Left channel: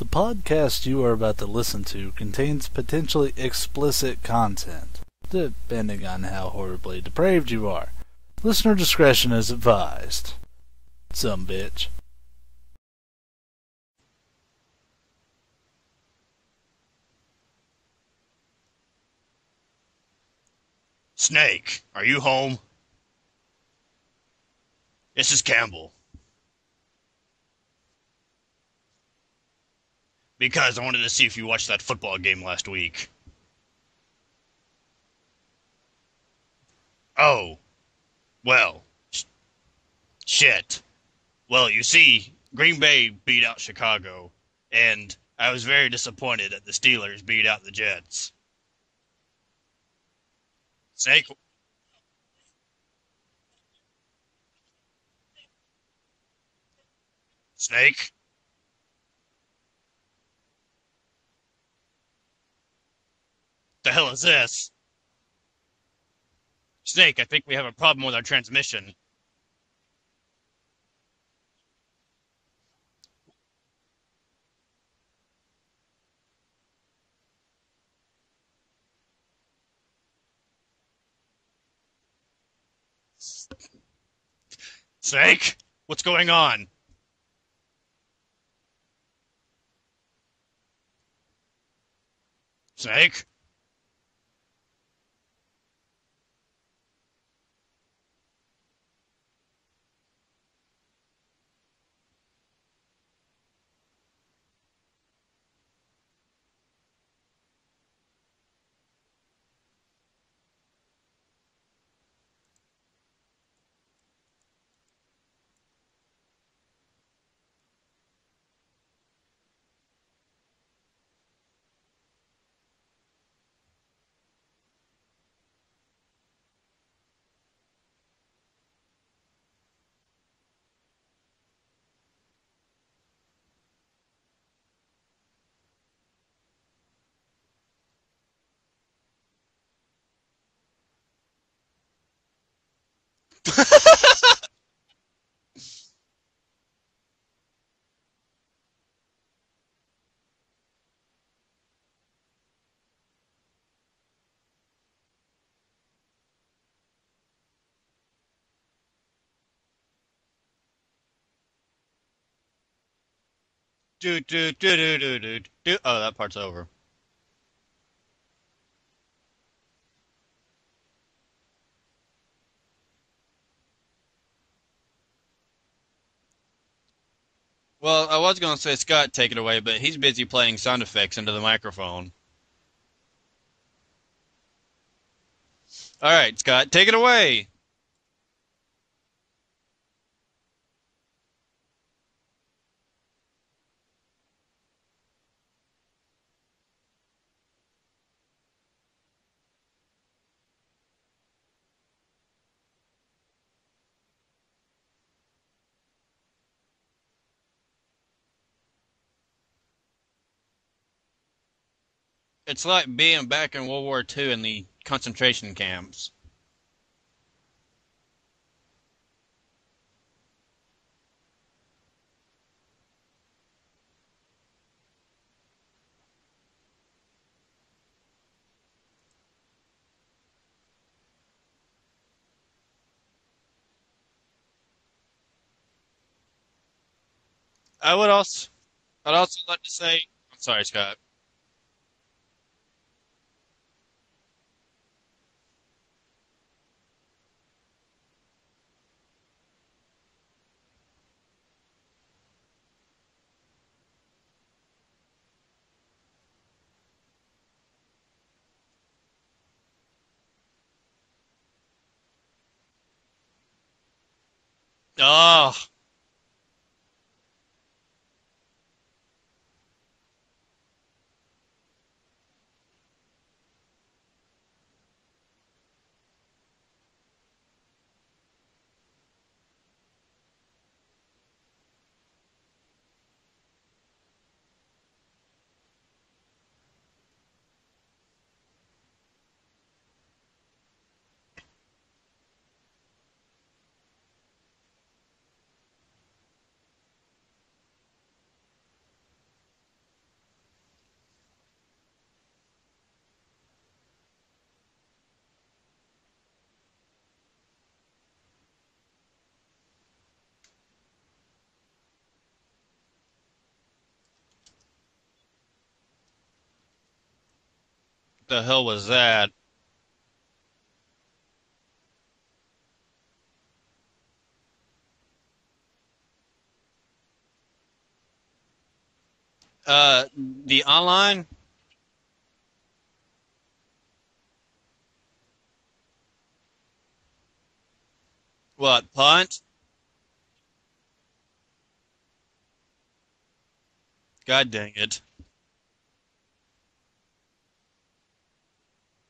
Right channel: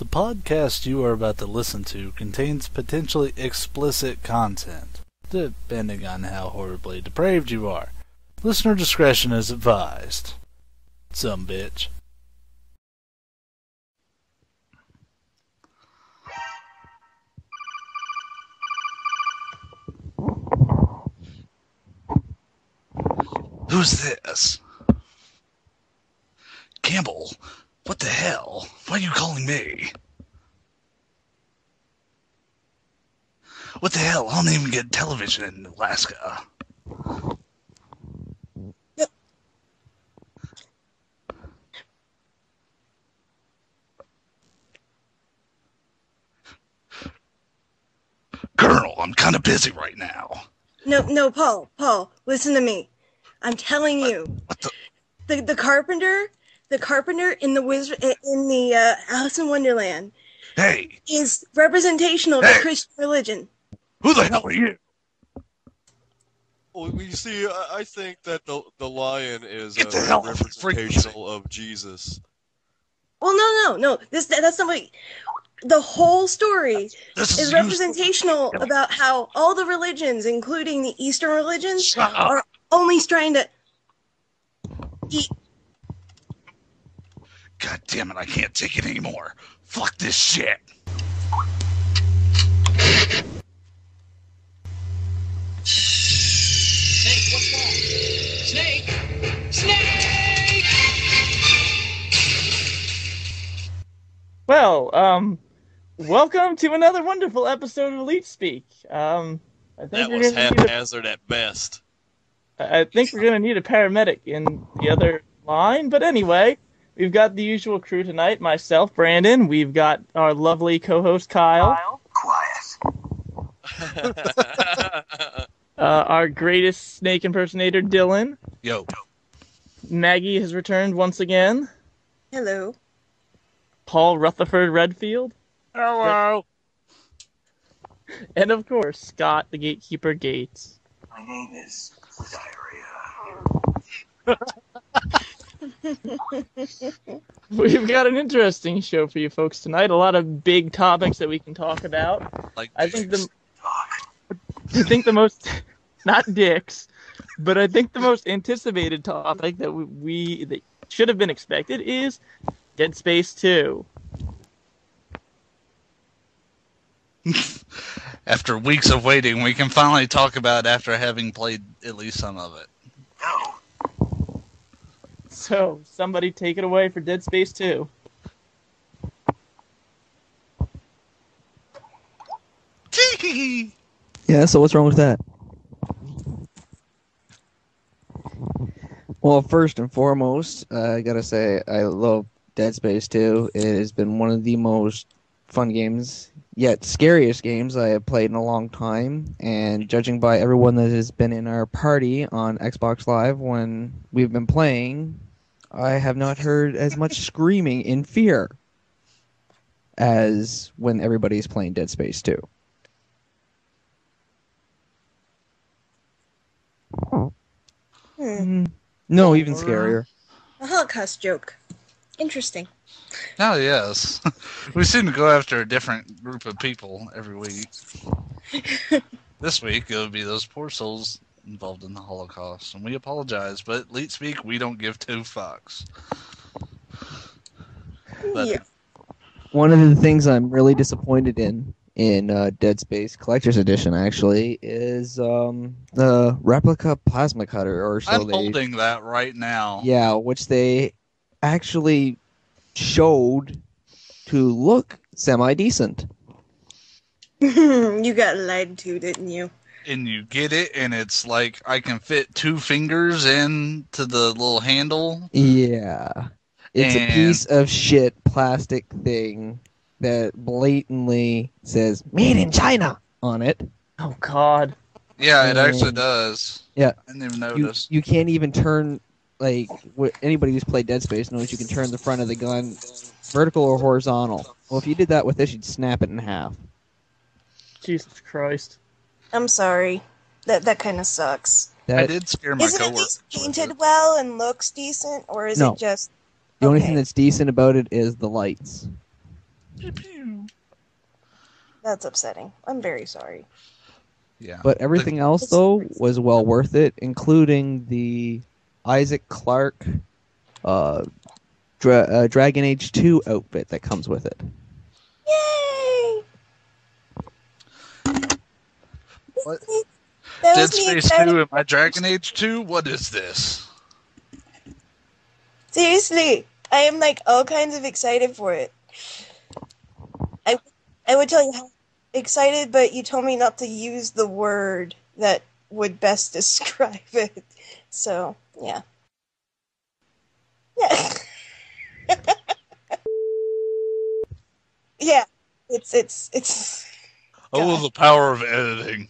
The podcast you are about to listen to contains potentially explicit content, depending on how horribly depraved you are. Listener discretion is advised. Some bitch. Snake, are you home? Who's this? This is Campbell. Campbell? What the hell? Why are you calling me? Because I wanted to see if you watched that football game last week. What the hell? I don't even get television in Alaska. Oh. Well. Shit. Well, you see, Green Bay beat out Chicago, and I was very disappointed that the Steelers beat out the Jets. Colonel, I'm kind of busy right now. No, Paul, listen to me. I'm telling you. What the carpenter in the Alice in Wonderland is representational to Christian religion. The hell Who is the this? hell are you? Well, Snake, you I think we have a problem with our transmission. The lion is Get the hell a off the representational of Jesus. Well, no. That's not what. The whole story This is representational about how all the religions, including the Eastern religions, Shut up. are only trying to. Snake, what's going on? God damn it, I can't take it anymore. Fuck this shit. Snake? Snake, what's wrong? Snake! Snake! Well, welcome to another wonderful episode of Leet Speak. I think That we're was gonna need haphazard at best. I think we're gonna need a paramedic in the other line, but anyway, we've got the usual crew tonight. Myself, Brandon. We've got our lovely co-host Kyle. Quiet. Our greatest snake impersonator Dylan. Yo. Maggie has returned once again. Hello. Paul Rutherford Redfield. Hello. And of course, Scott, the Gatekeeper Gates. My name is Diarrhea. We've got an interesting show for you folks tonight. A lot of big topics that we can talk about. I think the most, not dicks, but I think the most anticipated topic that that should have been expected is Dead Space 2. Oh, that part's over. After weeks of waiting, we can finally talk about it after having played at least some of it. No. So, somebody take it away for Dead Space 2. Well, I was going to say Scott take it away, but he's busy playing sound effects into the microphone. Yeah, so what's wrong with that? All right, Scott, take it away. Well, first and foremost, I gotta say, I love Dead Space 2. It has been one of the most fun games, yet scariest games I have played in a long time. And judging by everyone that has been in our party on Xbox Live when we've been playing, I have not heard as much screaming in fear as when everybody's playing Dead Space 2. It's like being back in World War II in the concentration camps. No, even scarier. A Holocaust joke. Interesting. Oh, yes. We seem to go after a different group of people every week. This week, it would be those poor souls involved in the Holocaust. And we apologize, but at Leet Speak, we don't give two fucks. I would also... Yeah. I'd also like One to of the say- things I'm Sorry, really Scott. disappointed in Dead Space Collector's Edition, actually, is the replica plasma cutter, or so I'm they... holding that right now. Yeah, which they actually showed to look semi-decent. You got lied to, didn't you? And you get it, and it's like I can fit 2 fingers into the little handle. Oh, Yeah. It's a piece of shit plastic thing that blatantly says, "Made in China" on it. Oh, God. Yeah, it actually And- does. Yeah. I didn't even You, notice. you can't even turn, like, anybody who's played Dead Space knows you can turn the front of the gun vertical or horizontal. Well, if you did that with this, you'd snap it in half. Jesus Christ. I'm sorry. That kind of sucks. I That, did scare my Is it at coworker. least painted well and looks decent, or is No. it just... the only okay. thing that's decent about it is the lights. Pew, pew. That's upsetting. I'm very sorry. Yeah. But everything else, though, was well worth it, including the Isaac Clarke Dragon Age 2 outfit that comes with it. Yay! The hell was that? What? That Dead was me Space excited. 2 and my Dragon Age 2? What is this? Seriously, I am like all kinds of excited for it. The online. I would tell you how excited, but you told me not to use the word that would best describe it. So. What, punt? Yeah. God dang it. Yeah. It's. Oh, the power of editing.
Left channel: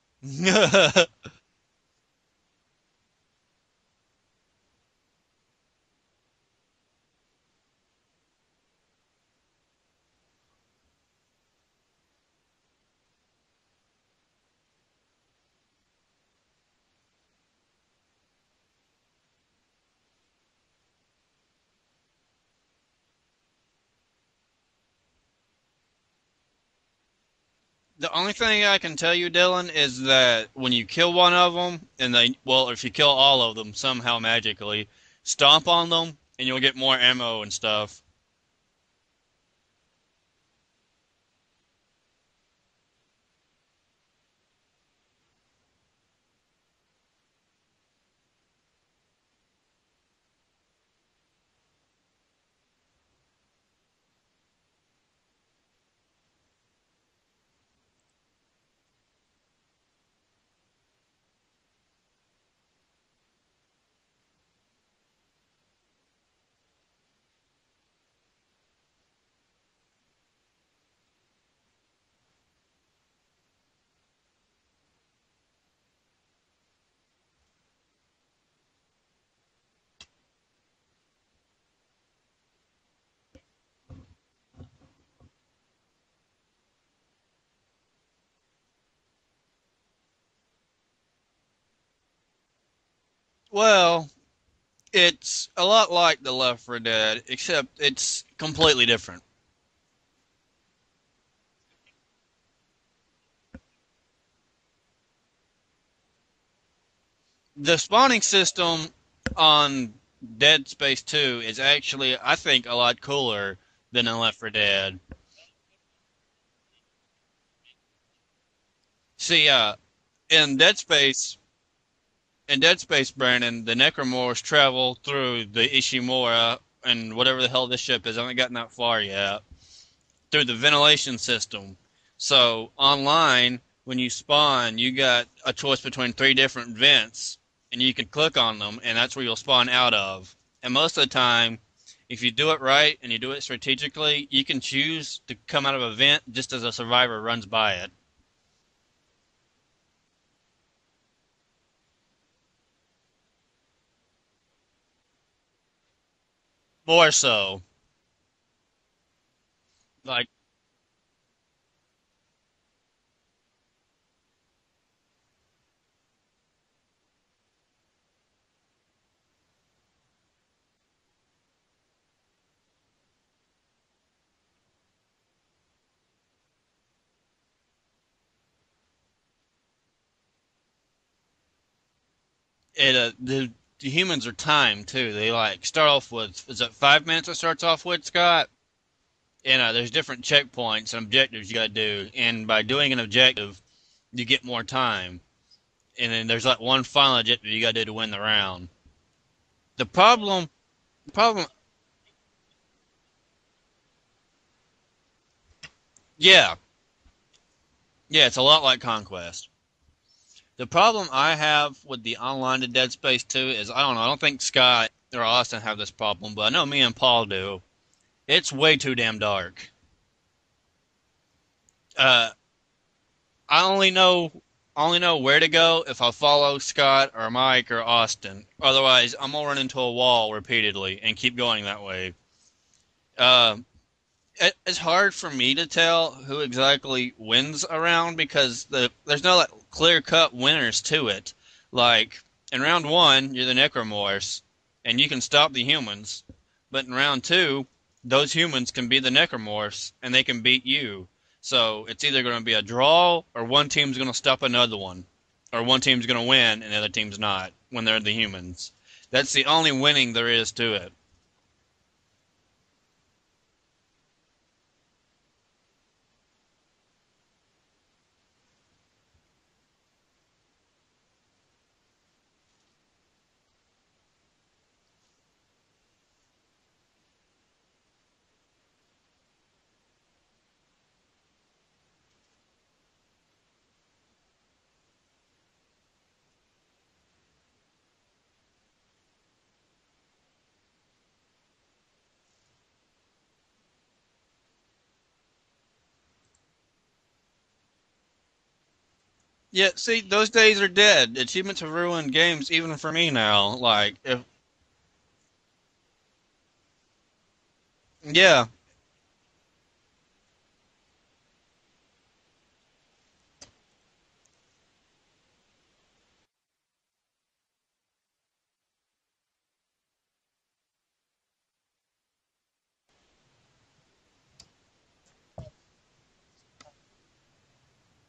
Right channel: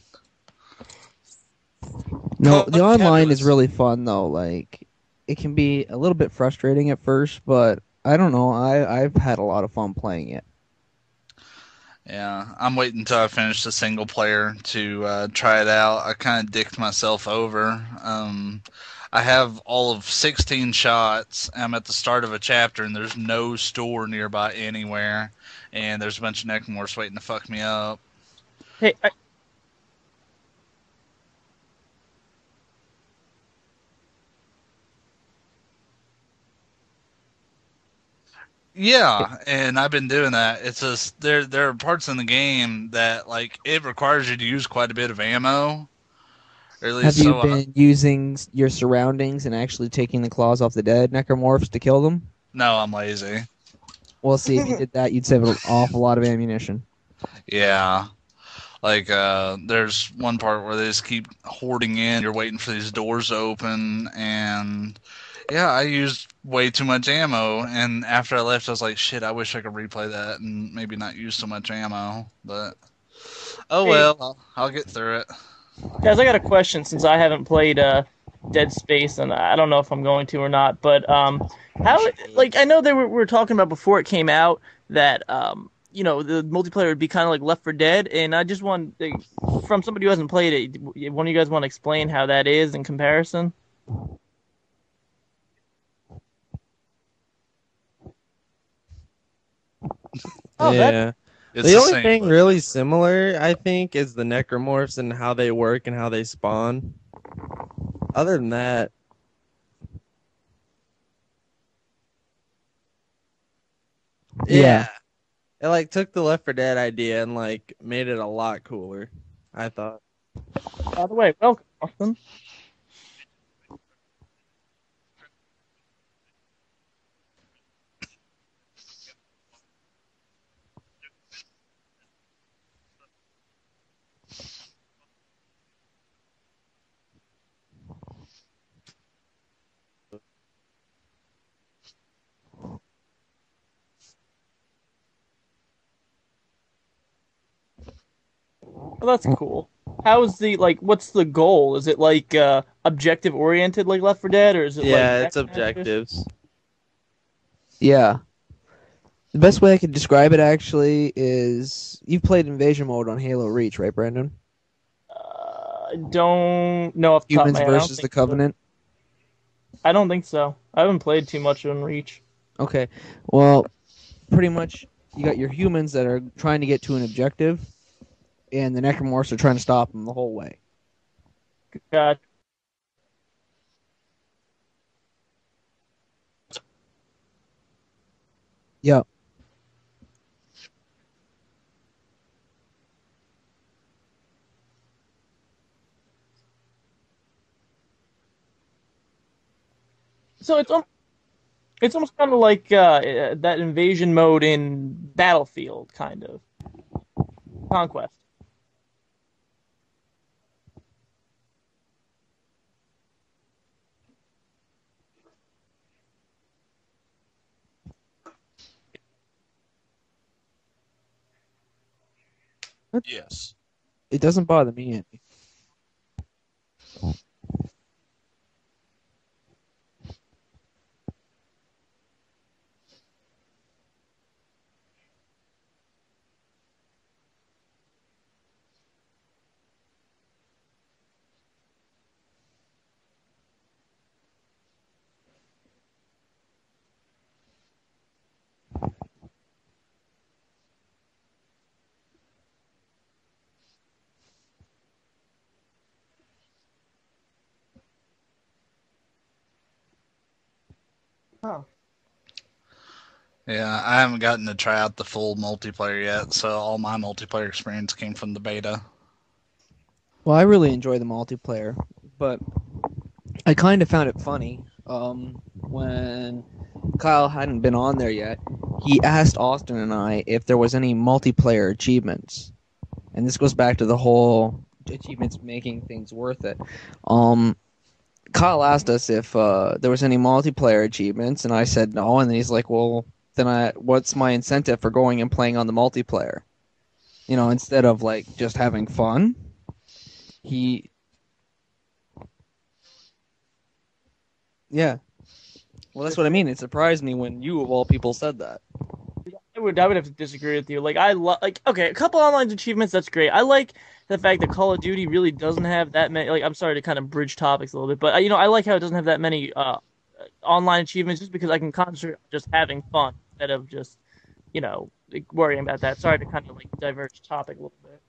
No, the online is really fun though. Like, it can be a little bit frustrating at first, but I don't know. I've had a lot of fun playing it. Yeah, I'm waiting until I finish the single player to try it out. I kind of dicked myself over. I have all of 16 shots. I'm at the start of a chapter, and there's no store nearby anywhere. And there's a bunch of necromorphs waiting to fuck me up. The only thing I can tell you, Dylan, is that when you kill one of them, and if you kill all of them somehow magically, stomp on them, and you'll get more ammo and stuff. Yeah, and I've been doing that. It's just there are parts in the game that like it requires you to use quite a bit of ammo. Or at least Have you been using your surroundings and actually taking the claws off the dead necromorphs to kill them? No, I'm lazy. Well, see, if you did that, you'd save an awful lot of ammunition. Yeah. Like, there's one part where they just keep hoarding in. You're waiting for these doors to open, and yeah, I used way too much ammo. And after I left, I was like, shit, I wish I could replay that and maybe not use so much ammo. But oh well, I'll get through it. Guys, I got a question since I haven't played Dead Space, and I don't know if I'm going to or not. But how? Like, I know we were talking about before it came out that the multiplayer would be kind of like Left 4 Dead, and I just want from somebody who hasn't played it, one of you guys want to explain how that is in comparison? Well, it's a lot like the Left 4 Dead, except it's completely different. Oh, yeah. It's the only same, thing but really similar, I think, is the necromorphs and how they work and how they spawn. The spawning Other than system that- on Dead Space 2 is actually, I think, a lot cooler than in Left 4 Yeah. Dead. It like took the Left 4 Dead idea and like made it a lot cooler. See, I thought. in Dead By Space, the way, welcome, Austin. in Dead Space, Brandon, the necromorphs travel through the Ishimura and whatever the hell this ship is. I haven't gotten that far yet. Through the ventilation system. So online, when you spawn, you got a choice between 3 different vents, and you can click on them, and that's where you'll spawn out of. And most of the time, if you do it right and you do it strategically, you can choose to come out of a vent just as a survivor runs by it. Well, that's cool. How's what's the goal? Is it like objective oriented like Left 4 Dead, or is it Yeah, like it's objectives. More so. Yeah. The best way I could describe it actually is you've played Invasion Mode on Halo Reach, right, Brandon? I don't know if Humans versus the Covenant. I don't think so. I haven't played too much on Reach. Okay. Well, pretty much you got your humans that are trying to get to an objective, and the necromorphs are trying to stop them the whole way. God. The humans are timed too. They start off with, is it 5 minutes it starts off with, Scott? Yep. And there's different checkpoints and objectives you got to do. And by doing an objective, you get more time. And then there's one final objective you got to do to win the round. The problem... So it's almost kind of like that invasion mode in Battlefield, kind of. Yeah. Conquest. Yeah, it's a lot like Conquest. The problem I have with the online to Dead Space 2 is, I don't think Scott or Austin have this problem, but I know me and Paul do. It's way too damn dark. Yes. I only know It doesn't bother me. I only know where to go if I follow Scott or Mike or Austin. Otherwise, I'm gonna run into a wall repeatedly and keep going that way. It's hard for me to tell who exactly wins around because there's no clear-cut winners to it. Like in round 1, you're the necromorphs, and you can stop the humans. But in round 2, those humans can beat the necromorphs, and they can beat you. So it's either going to be a draw, or one team's going to stop another one. Or one team's going to win, and the other team's not, when they're the humans. That's the only winning there is to it. Oh. Yeah, I haven't gotten to try out the full multiplayer yet, so all my multiplayer experience came from the beta. Well, I really enjoy the multiplayer, but I kind of found it funny when Kyle hadn't been on there yet. He asked Austin and I if there was any multiplayer achievements, and this goes back to the whole achievements making things worth it. Kyle asked us if there was any multiplayer achievements, and I said no, and then he's like, well, then what's my incentive for going and playing on the multiplayer? You know, instead of like just having fun. Yeah, see, those days are dead. Achievements have ruined games, even for me now. Like, if yeah, well, that's what I mean. It surprised me when you of all people said that. I would have to disagree with you. Like, okay, a couple online achievements, that's great. I like the fact that Call of Duty really doesn't have that many. Like, I'm sorry to kind of bridge topics a little bit, but I like how it doesn't have that many online achievements, just because I can concentrate on just having fun instead of just worrying about that. Sorry to kind of like diverge topic a little bit.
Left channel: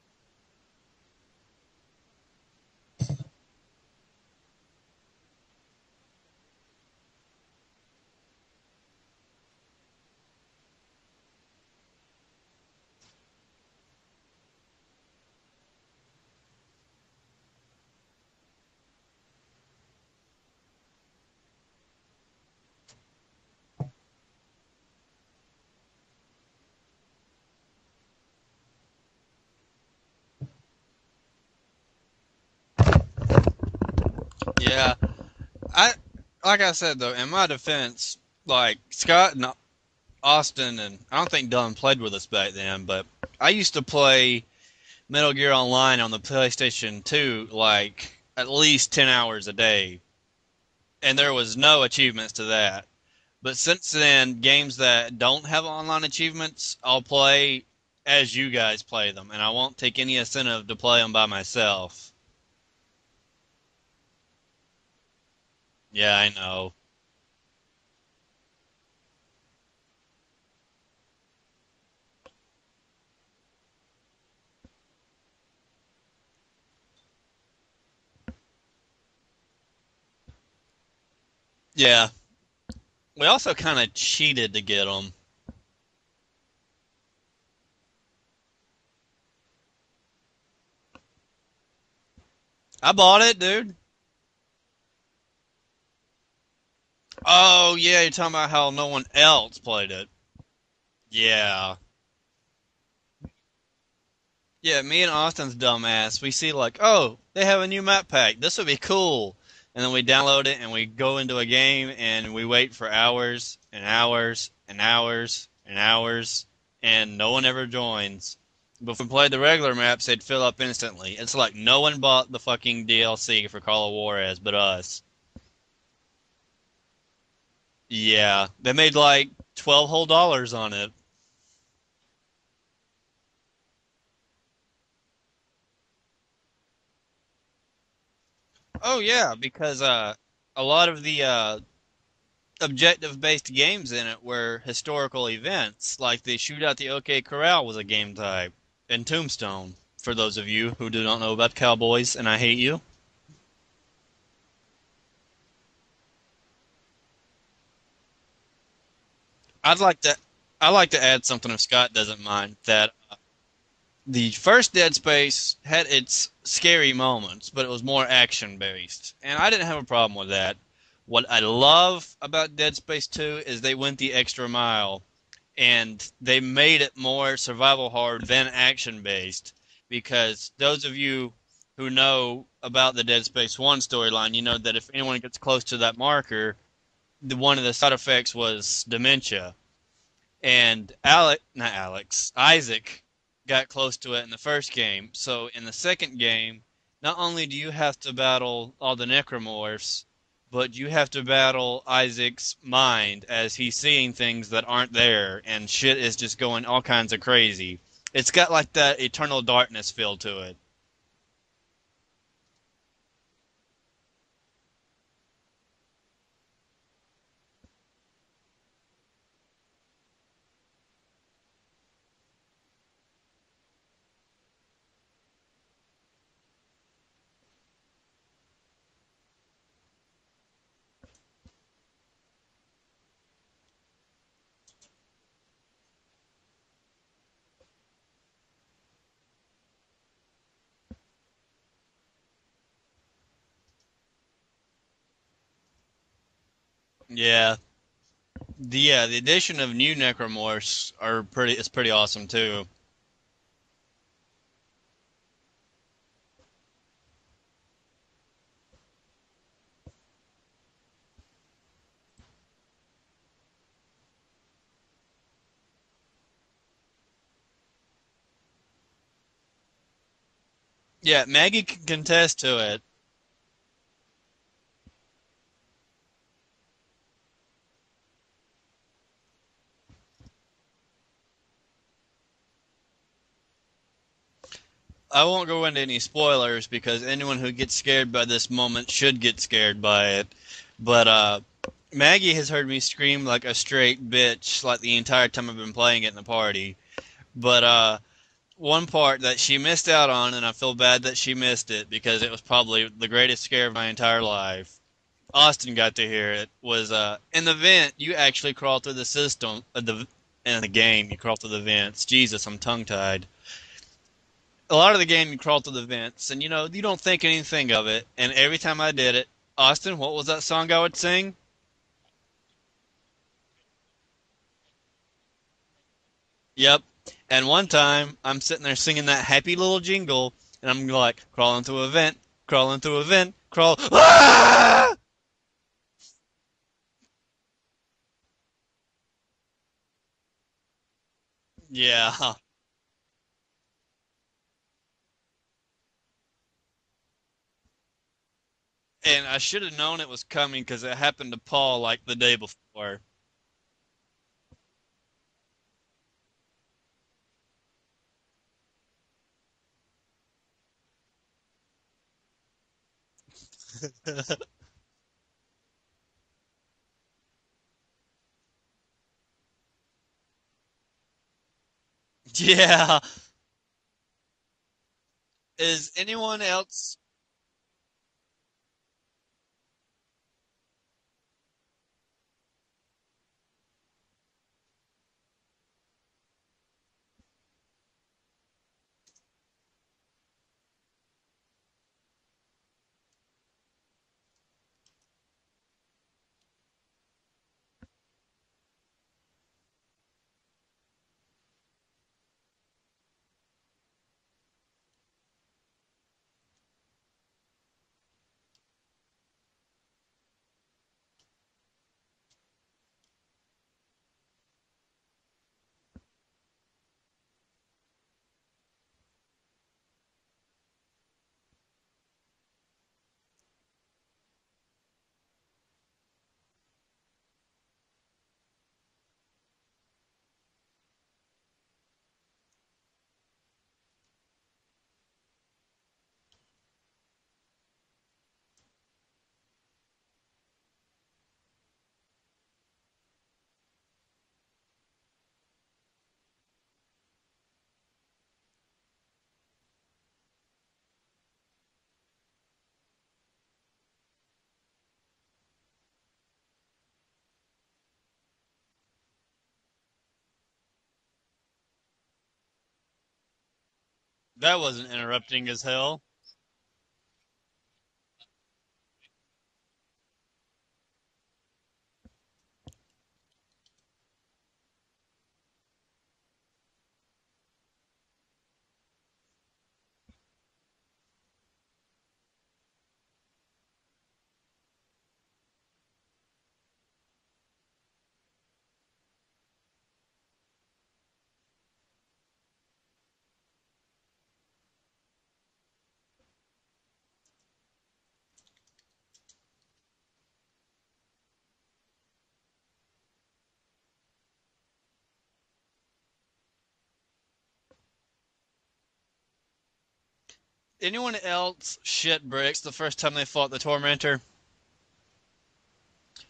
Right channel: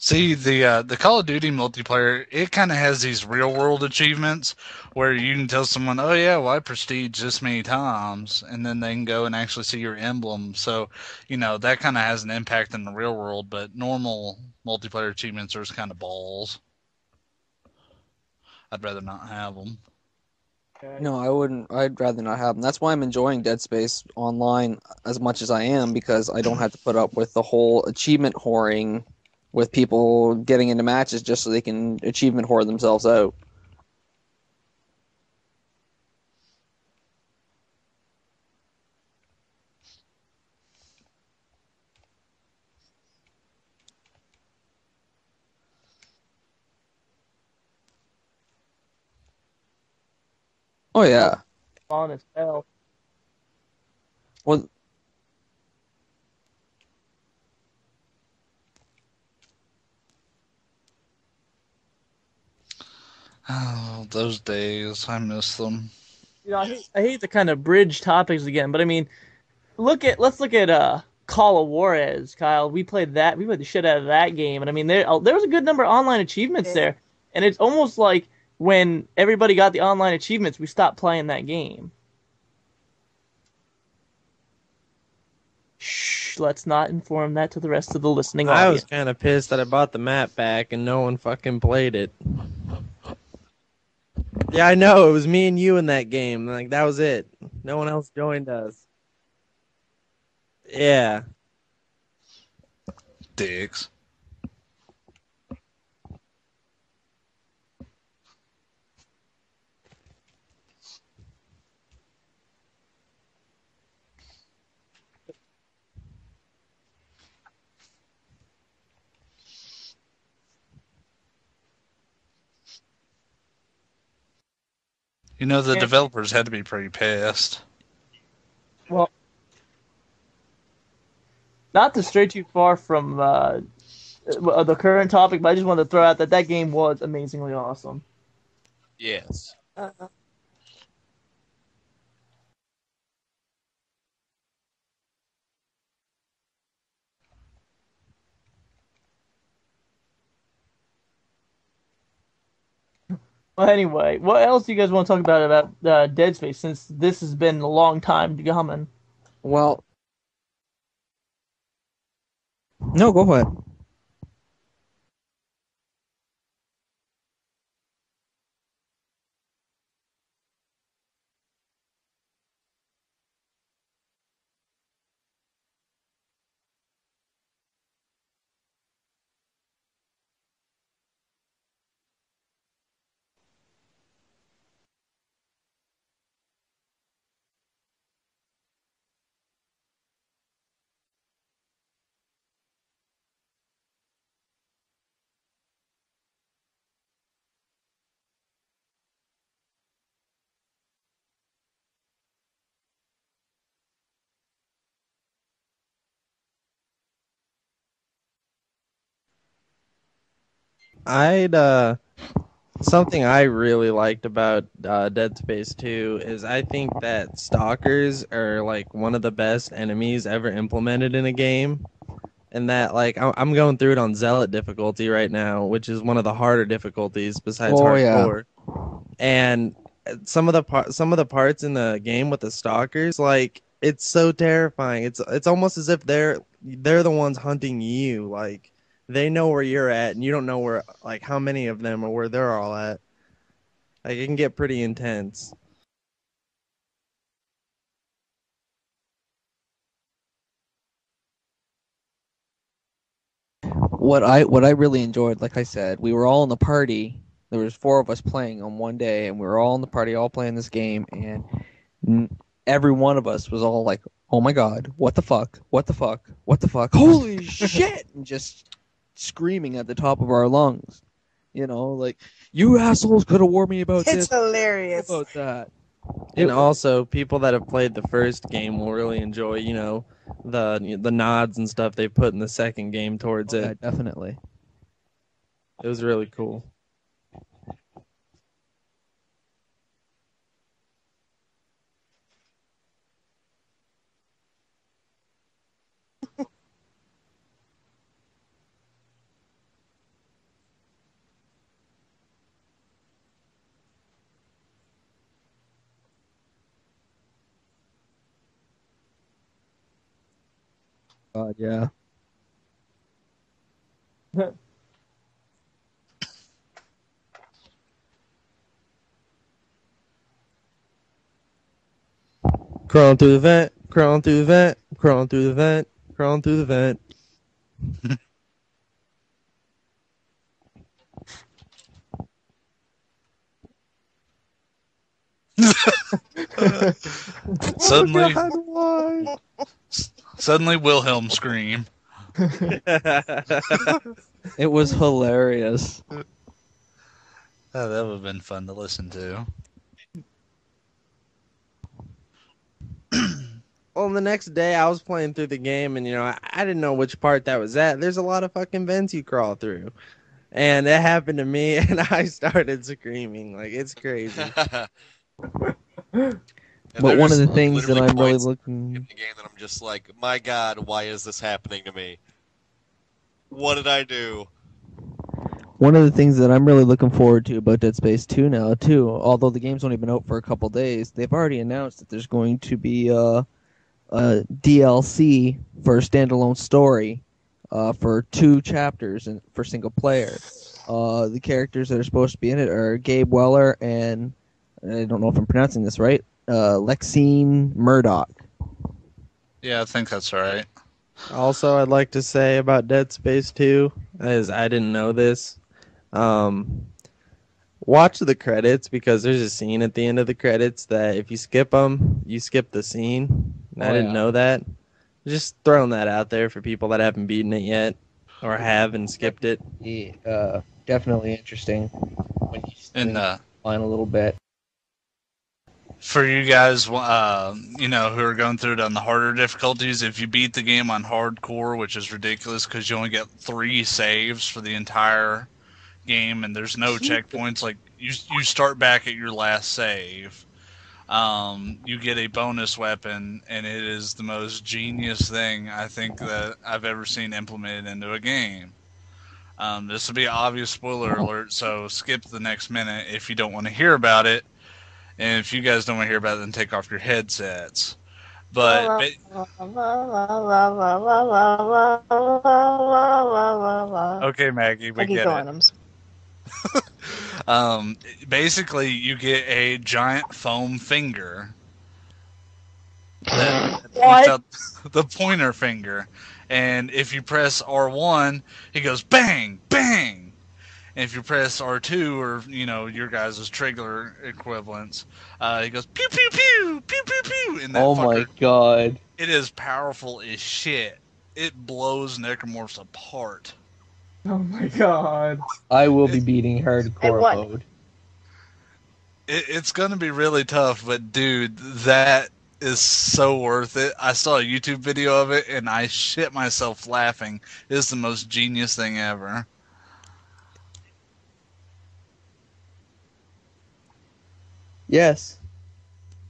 See, the Call of Duty multiplayer, it kind of has these real world achievements where you can tell someone, oh yeah, well I prestige this many times, and then they can go and actually see your emblem. So, that kind of has an impact in the real world, but normal multiplayer achievements are just kind of balls. I'd rather not have them. No, I wouldn't. I'd rather not have them. That's why I'm enjoying Dead Space Online as much as I am, because I don't have to put up with the whole achievement whoring with people getting into matches just so they can achievement whore themselves out. Yeah. Like I said, though, in my defense, like, Scott and Austin, and I don't think Dylan played with us back then, but I used to play Metal Gear Online on the PlayStation 2, like, at least 10 hours a day. Oh, yeah. And there was no achievements to that. But since then, games that don't have online achievements, I'll play as you guys play them, and I won't take any incentive to play them by myself. Oh, those days. I miss them. Yeah, I know. I hate to kind of bridge topics again, but I mean, let's look at Call of Juarez, Kyle. We played the shit out of that game, and I mean, there was a good number of online achievements there, and it's almost like when everybody got the online achievements, we stopped playing that game. Yeah. We also kind of cheated to get them. Shh, let's not inform that to the rest of the listening audience. I was kind of pissed that I bought the map back and no one fucking played it. I bought it, dude. Yeah, I know. It was me and you in that game. Like, that was it. Oh, no, yeah, you're talking about how no one else played it. Yeah. Yeah. Dicks. Yeah, me and Austin's dumbass, we see like, oh, they have a new map pack. This would be cool. And then we download it and we go into a game and we wait for hours and hours and hours and hours, and no one ever joins. But if we played the regular maps, they'd fill up instantly. It's like no one bought the fucking DLC for Call of Juarez but us. The developers had to be pretty pissed. Yeah, they made like $12 whole on it. Not to stray too far from the current topic, but I just wanted to throw out that game was amazingly awesome. Oh yeah, because a lot of the objective-based games in it were historical events, like the Shootout the OK Corral was a game type, and Tombstone, for those of you who do not know about cowboys, and I hate you. Well, anyway, what else do you guys want to talk about Dead Space, since this has been a long time coming? Well, I'd like to add something if Scott doesn't mind. No, go ahead. The first Dead Space had its scary moments, but it was more action-based, and I didn't have a problem with that. What I love about Dead Space 2 is they went the extra mile, and they made it more survival horror than action-based, because those of you who know about the Dead Space 1 storyline, you know that if anyone gets close to that marker, one of the side effects was dementia. And Isaac got close to it in the first game. So in the second game, not only do you have to battle all the necromorphs, but you have to battle Isaac's mind as he's seeing things that aren't there, and shit is just going all kinds of crazy. It's got like that Eternal Darkness feel to it. I'd Something I really liked about Dead Space 2 is I think that stalkers are like one of the best enemies ever implemented in a game. And that like I'm going through it on Zealot difficulty right now, which is one of the harder difficulties besides Oh, yeah. hardcore. And some of the parts in the game with the stalkers, like it's so terrifying. It's almost as if they're the ones hunting you. Like they know where you're at, and you don't know where, like how many of them or where they're all at. Like it can get pretty intense. Yeah. The addition of new necromorphs is pretty awesome too. What I really enjoyed, like I said, we were all in the party. There was 4 of us playing on one day, and we were all in the party, all playing this game, and every one of us was all like, "Oh my god, what the fuck? What the fuck? What the fuck? Holy shit!" and just screaming at the top of our lungs. Yeah, Maggie can contest to it. You assholes could have warned me about this. It's hilarious. About that. And also, people that have played the first game will really enjoy, you know, the nods and stuff they put in the second game towards it. Yeah, definitely. I won't go into any was really spoilers because anyone who gets scared by this moment should get scared by it. But Maggie has heard me scream like a straight bitch like the entire time I've been playing it in the party. But one part that she missed out on, and I feel bad that she missed it because it was probably the greatest scare of my entire life. Austin got to hear it. Was in the vent, you actually crawl through the system. In the game, you crawl through the vents. Jesus, I'm tongue-tied. A lot of the game, you crawl through the vents, and you know you don't think anything of it. And every time I did it, Austin, what was that song I would sing? Crawling through the vent, crawling through the vent, crawling through the vent, crawling through the vent. And one time, I'm sitting there singing that happy little jingle, and I'm like, crawling through a vent, crawling through a vent, crawl. Ah! Suddenly, Oh God, suddenly Wilhelm screamed. Yeah. why? It was hilarious. Oh, that would have been fun to listen And to. I should have known it was coming because it happened to Paul like the day before. Well, the next day I was playing through the game, and you know I didn't know which part that was at. There's a lot of fucking vents you crawl through, and it happened to me, and I started screaming like it's crazy. But one of the things that I'm really in looking the game that I'm just like, my God, why is this happening to me? Yeah. What did I do? One of the things that I'm really looking forward to about Dead Space 2 now, too, although the game's only been out for a couple days, they've already announced that there's going to be a DLC for a standalone story for 2 chapters for single player. The characters that are supposed to be in it are Gabe Weller and, I don't know if I'm pronouncing this right, Lexine Murdoch. Yeah, I think that's right. Also, I'd like to say about Dead Space 2, as I didn't know this, watch the credits because there's a scene at the end of the credits that if you skip them, you skip the scene. And I didn't know that. Just throwing that out there for people that haven't beaten it yet or have and skipped it. Yeah, definitely interesting when you line a little bit. For you guys, who are going through it on the harder difficulties, if you beat the game on hardcore, which is ridiculous because you only get 3 saves for the entire game, and there's no checkpoints. Like you start back at your last save. You get a bonus weapon, and it is the most genius thing I think that I've ever seen implemented into a game. This will be an obvious spoiler alert, so skip the next minute if you don't want to hear about it. And if you guys don't want to hear about it, then take off your headsets. But okay, That Maggie, wasn't we get entertaining it. as hell. Basically, you get a giant foam finger that points out the pointer finger, and if you press R1, he goes bang, bang. And if you press R2 or your guys' trigger equivalents, he goes pew pew pew pew pew pew. And that Oh my god! It is powerful as shit. It blows necromorphs apart. Oh my god! I will be beating hardcore mode. It's gonna be really tough, but dude, that is so worth it. I saw a YouTube video of it and I shit myself laughing. It is the most genius thing ever. anyone else shit bricks the first time they fought the Tormentor? Yes.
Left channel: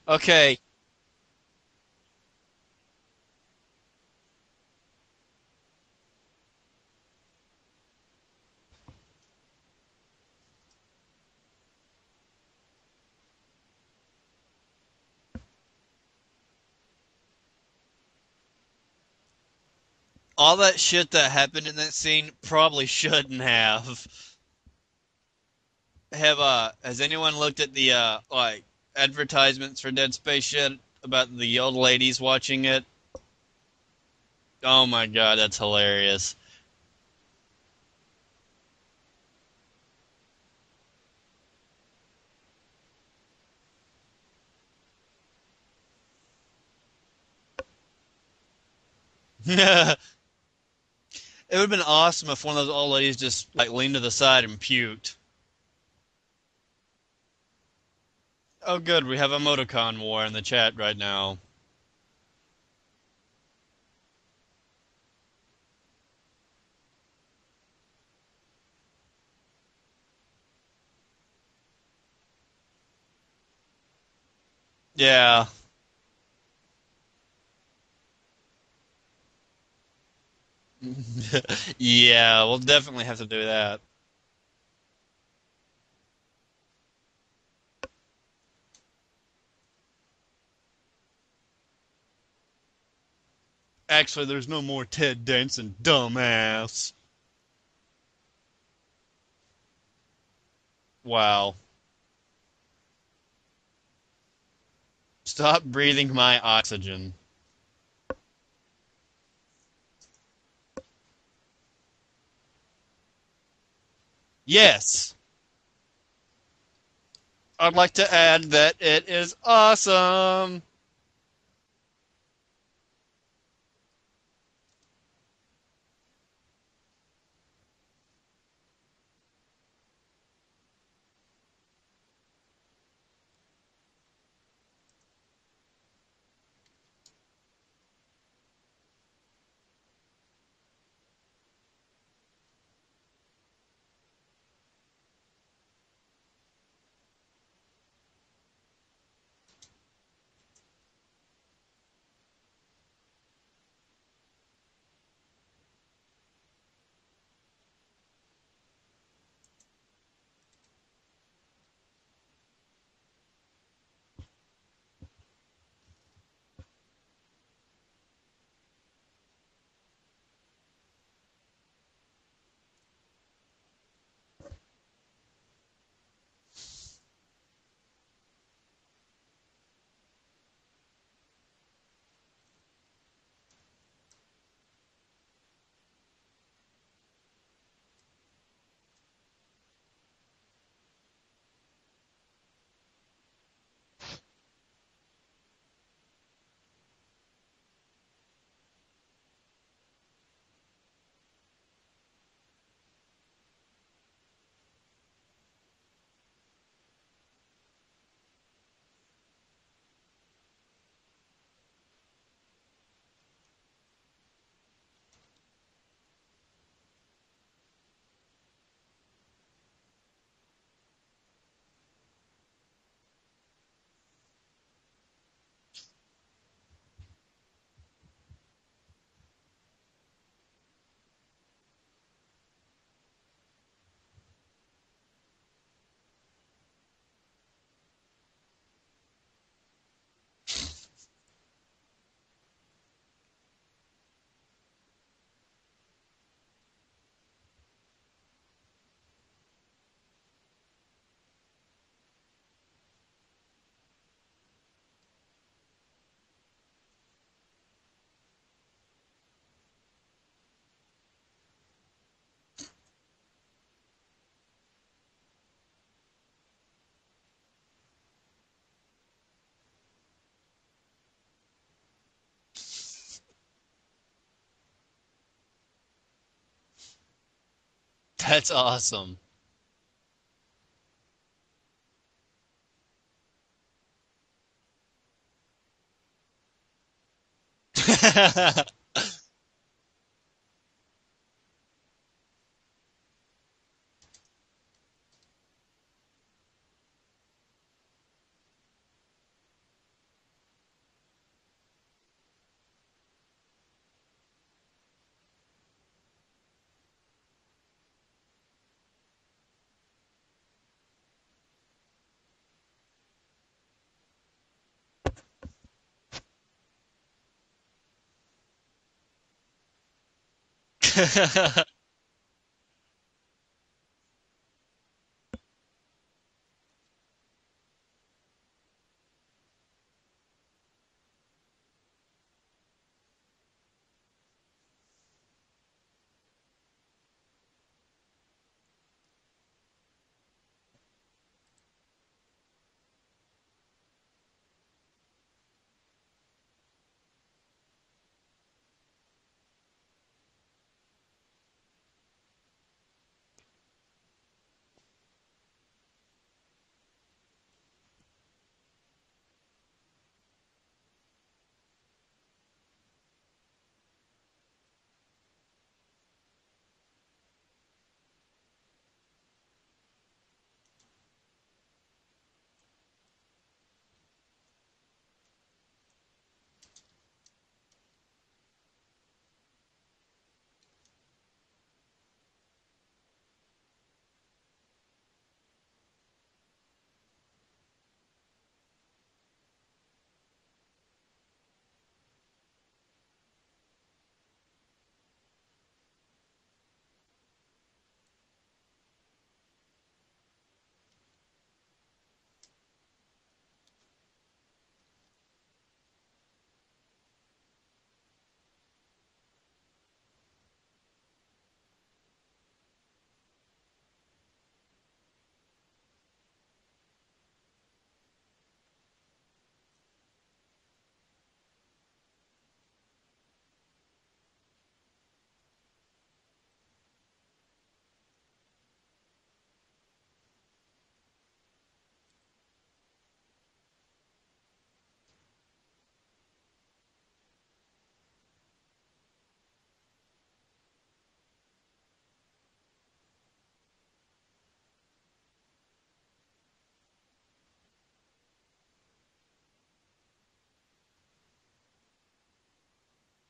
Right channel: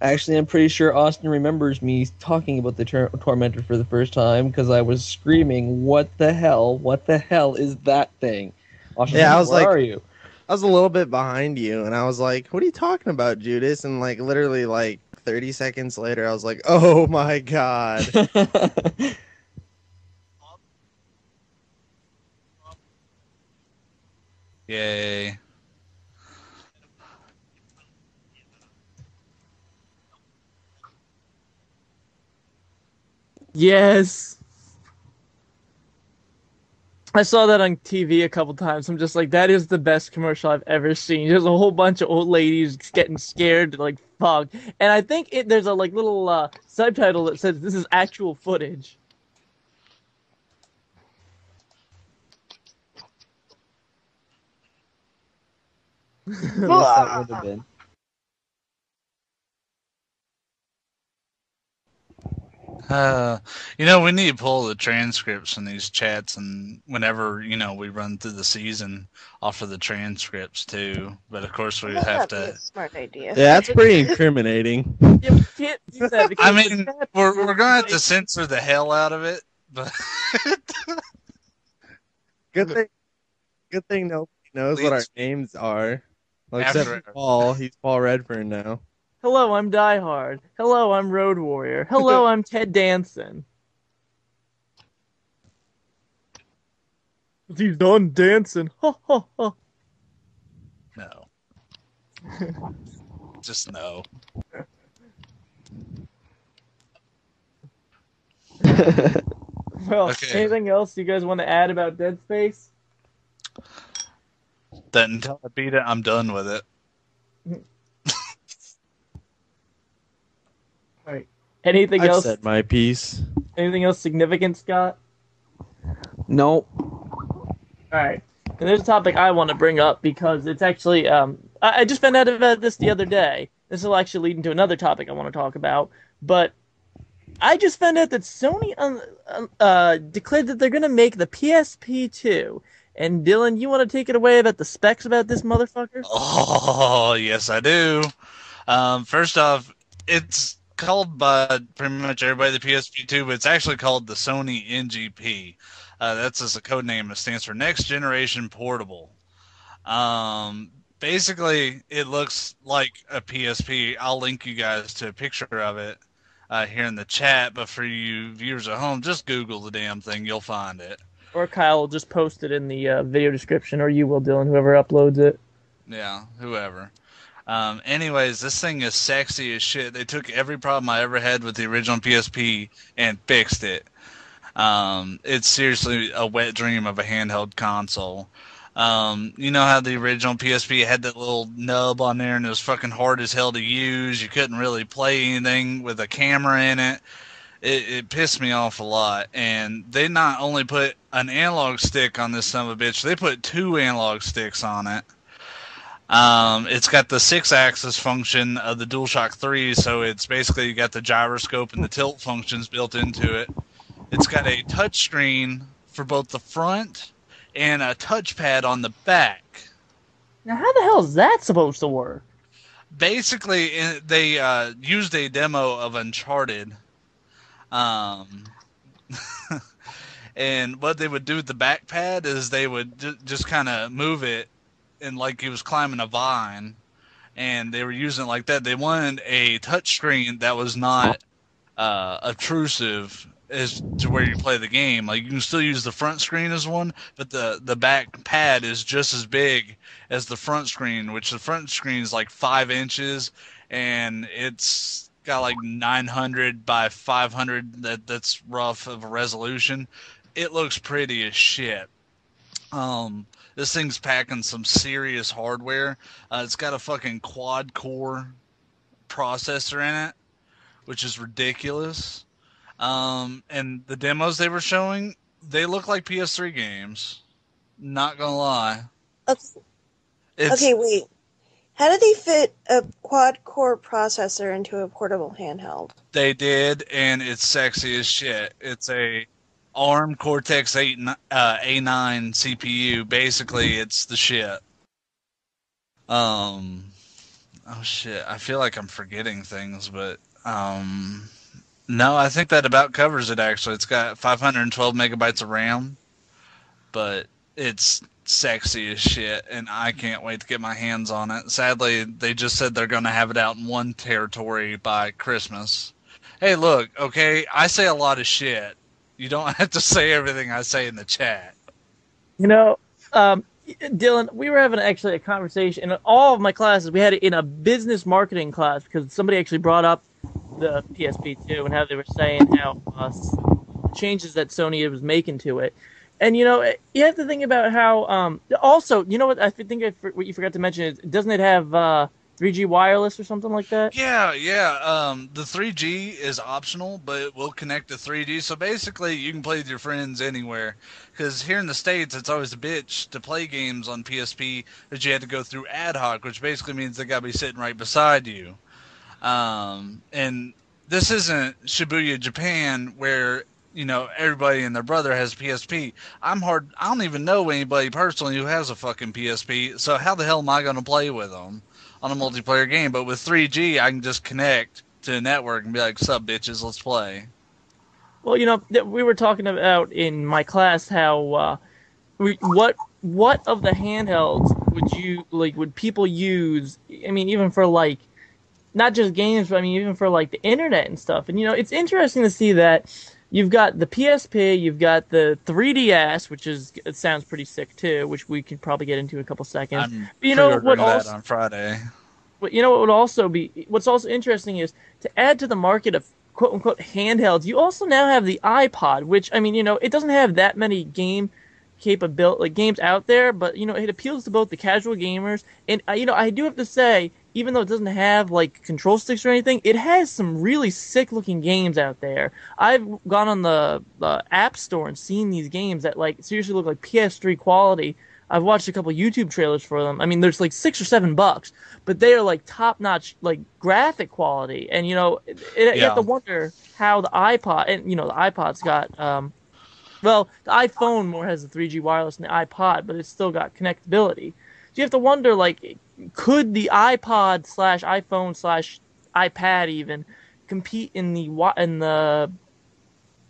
Actually, Okay. I'm pretty sure Austin remembers me talking about the Tormentor for the first time because I was screaming, "What the hell? What the hell is that thing?" Austin's Yeah, I like, was "Where like, are you?" I was a little bit behind you, and I was like, "What are you talking about, Judas?" And like literally like 30 seconds later, I was like, "Oh my god!" All that shit that happened in that scene probably shouldn't have. Yay. Has anyone looked at the like advertisements for Dead Space shit about the old ladies watching it? Yes. Oh my god, that's hilarious. I saw that on TV a couple times. I'm just like, that is the best commercial I've ever seen. There's a whole bunch of old ladies getting scared like fuck. And I think there's a like little subtitle that says this is actual footage. It would have been awesome if one of those old ladies just like leaned to the side and puked. Yes, that would have been. Oh good, we have emoticon war in the chat right now. We need to pull the transcripts from these chats, and whenever we run through the season, offer the transcripts too. But of course, we That have might be to. a smart idea. Yeah, that's pretty incriminating. Yeah. Can't do that I because mean, the chat- we're gonna have to censor the hell out of it, but Yeah, we'll Good thing- definitely have to do that. Good thing nobody knows what our Leet- names are. Well, except After- for Paul. He's Paul Redfern now. Hello, I'm Die Hard. Hello, I'm Road Warrior. Hello, I'm Ted Danson. Actually, there's no more Ted Danson, dumbass. He's done dancing. Ha ha ha. Wow. just no. Stop breathing my oxygen. Well, Okay. anything else you guys want to add about Dead Space? Yes. That until I beat it, I'm done with it. I'd like to add that it is awesome. Anything I've else? said my piece. Anything else significant, Scott? Nope. All right. And there's a topic I want to bring up because it's actually I just found out about this the other day. This will actually lead into another topic I want to talk about. But I just found out that Sony declared that they're gonna make the PSP 2. And Dylan, you want to take it away about the specs about this motherfucker? Oh, yes, I do. First off, it's called by pretty much everybody the PSP2, but it's actually called the Sony NGP. That's just a code name. It stands for Next Generation Portable. Basically, it looks like a PSP. I'll link you guys to a picture of it here in the chat, but for you viewers at home, just Google the damn thing. You'll find it. Or Kyle will just post it in the video description, or you will, Dylan, whoever uploads it. Yeah, whoever. Anyways, this thing is sexy as shit. They took every problem I ever had with the original PSP and fixed it. It's seriously a wet dream of a handheld console. You know how the original PSP had that little nub on there and it was fucking hard as hell to use. You couldn't really play anything with a camera in it. It pissed me off a lot. And they not only put an analog stick on this son of a bitch, they put 2 analog sticks on it. It's got the 6-axis function of the DualShock 3, so it's basically you got the gyroscope and the tilt functions built into it. It's got a touchscreen for both the front and a touchpad on the back. Now, how the hell is that supposed to work? Basically, they used a demo of Uncharted. And what they would do with the back pad is they would just kind of move it and like he was climbing a vine, and they were using it like that. They wanted a touch screen that was not obtrusive as to where you play the game. Like you can still use the front screen as one, but the back pad is just as big as the front screen, which the front screen is like 5 inches, and it's got like 900 by 500. That's rough of a resolution. It looks pretty as shit. This thing's packing some serious hardware. It's got a fucking quad-core processor in it, which is ridiculous. And the demos they were showing, they look like PS3 games. Not gonna That's lie. awesome. Okay, wait. How did they fit a quad-core processor into a portable handheld? They did, and it's sexy as shit. It's a ARM Cortex 8 A9 CPU. Basically, it's the shit. Oh shit, I feel like I'm forgetting things, but no, I think that about covers it. Actually, it's got 512 megabytes of RAM, but it's sexy as shit, and I can't wait to get my hands on it. Sadly, they just said they're going to have it out in one territory by Christmas. Hey, look, okay, I say a lot of shit. You don't have to say everything I say in the chat. You know, Dylan, we were having actually a conversation in all of my classes. We had it in a business marketing class because somebody actually brought up the PSP2 and how they were saying how changes that Sony was making to it. And, you know, you have to think about how, also, you know what, I think what you forgot to mention is, doesn't it have 3G wireless or something like that? Yeah. The 3G is optional, but it will connect to 3G. So basically, you can play with your friends anywhere. Because here in the States, it's always a bitch to play games on PSP that you had to go through ad hoc, which basically means they got to be sitting right beside you. And this isn't Shibuya, Japan, where you know everybody and their brother has PSP. I don't even know anybody personally who has a fucking PSP. So how the hell am I going to play with them on a multiplayer game? But with 3G, I can just connect to a network and be like, "Sup, bitches, let's play." Well, you know, we were talking about in my class how what of the handhelds would people use? I mean, even for like not just games, but I mean even for like the internet and stuff. And you know, it's interesting to see that you've got the PSP, you've got the 3DS, it sounds pretty sick too, which we could probably get into in a couple seconds. I'm But you know what that also on Friday. But you know what would also be what's also interesting is to add to the market of quote unquote handhelds, you also now have the iPod, which I mean, you know, it doesn't have that many games out there, but you know, it appeals to both the casual gamers and you know, I do have to say, even though it doesn't have like control sticks or anything, it has some really sick looking games out there. I've gone on the App Store and seen these games that like seriously look like PS3 quality. I've watched a couple YouTube trailers for them. I mean, there's like $6 or $7, but they are like top notch, like graphic quality. And you know, you have to wonder how the iPod, and you know, the iPod's got, well, the iPhone more has the 3G wireless than the iPod, but it's still got connectability. So you have to wonder, like, could the iPod slash iPhone slash iPad even compete in the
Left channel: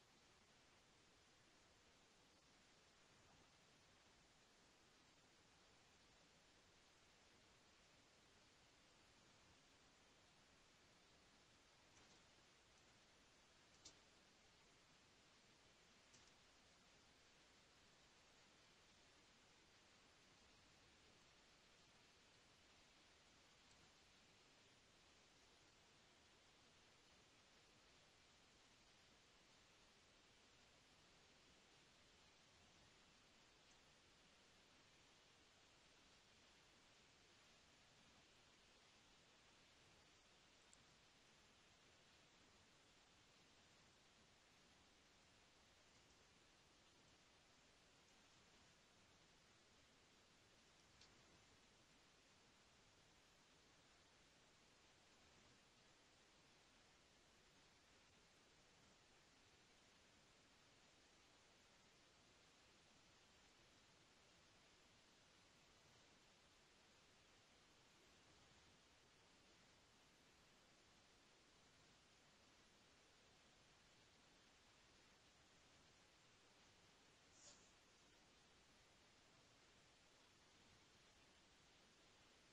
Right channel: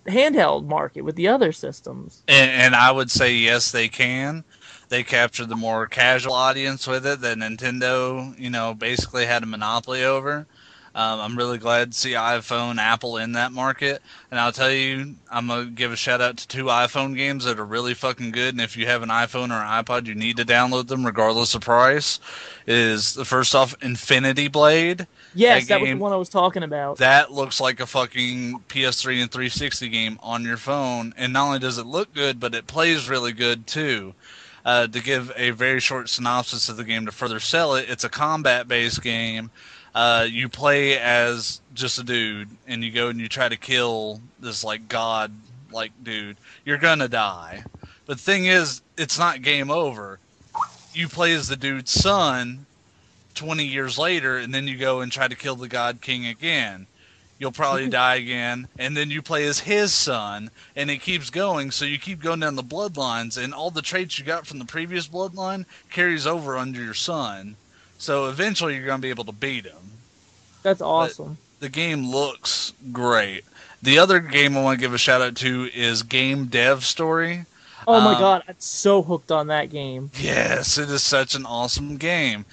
handheld market with the other systems? And I would say yes, they can. They captured the more casual audience with it that Nintendo, you know, basically had a monopoly over. I'm really glad to see iPhone, Apple in that market. And I'll tell you, I'm going to give a shout out to 2 iPhone games that are really fucking good. And if you have an iPhone or an iPod, you need to download them regardless of price. Is the first off Infinity Blade. Yes, that was the one I was talking about. That looks like a fucking PS3 and 360 game on your phone. And not only does it look good, but it plays really good too. To give a very short synopsis of the game to further sell it, it's a combat-based game. You play as just a dude, and you go and you try to kill this like god like dude. You're gonna die. But the thing is, it's not game over. You play as the dude's son 20 years later, and then you go and try to kill the god king again. You'll probably die again, and then you play as his son, and it keeps going, so you keep going down the bloodlines, and all the traits you got from the previous bloodline carries over under your son. So eventually you're going to be able to beat him. That's awesome. But the game looks great. The other game I want to give a shout out to is Game Dev Story. Oh my god, I'm so hooked on that game. Yes, it is such an awesome game.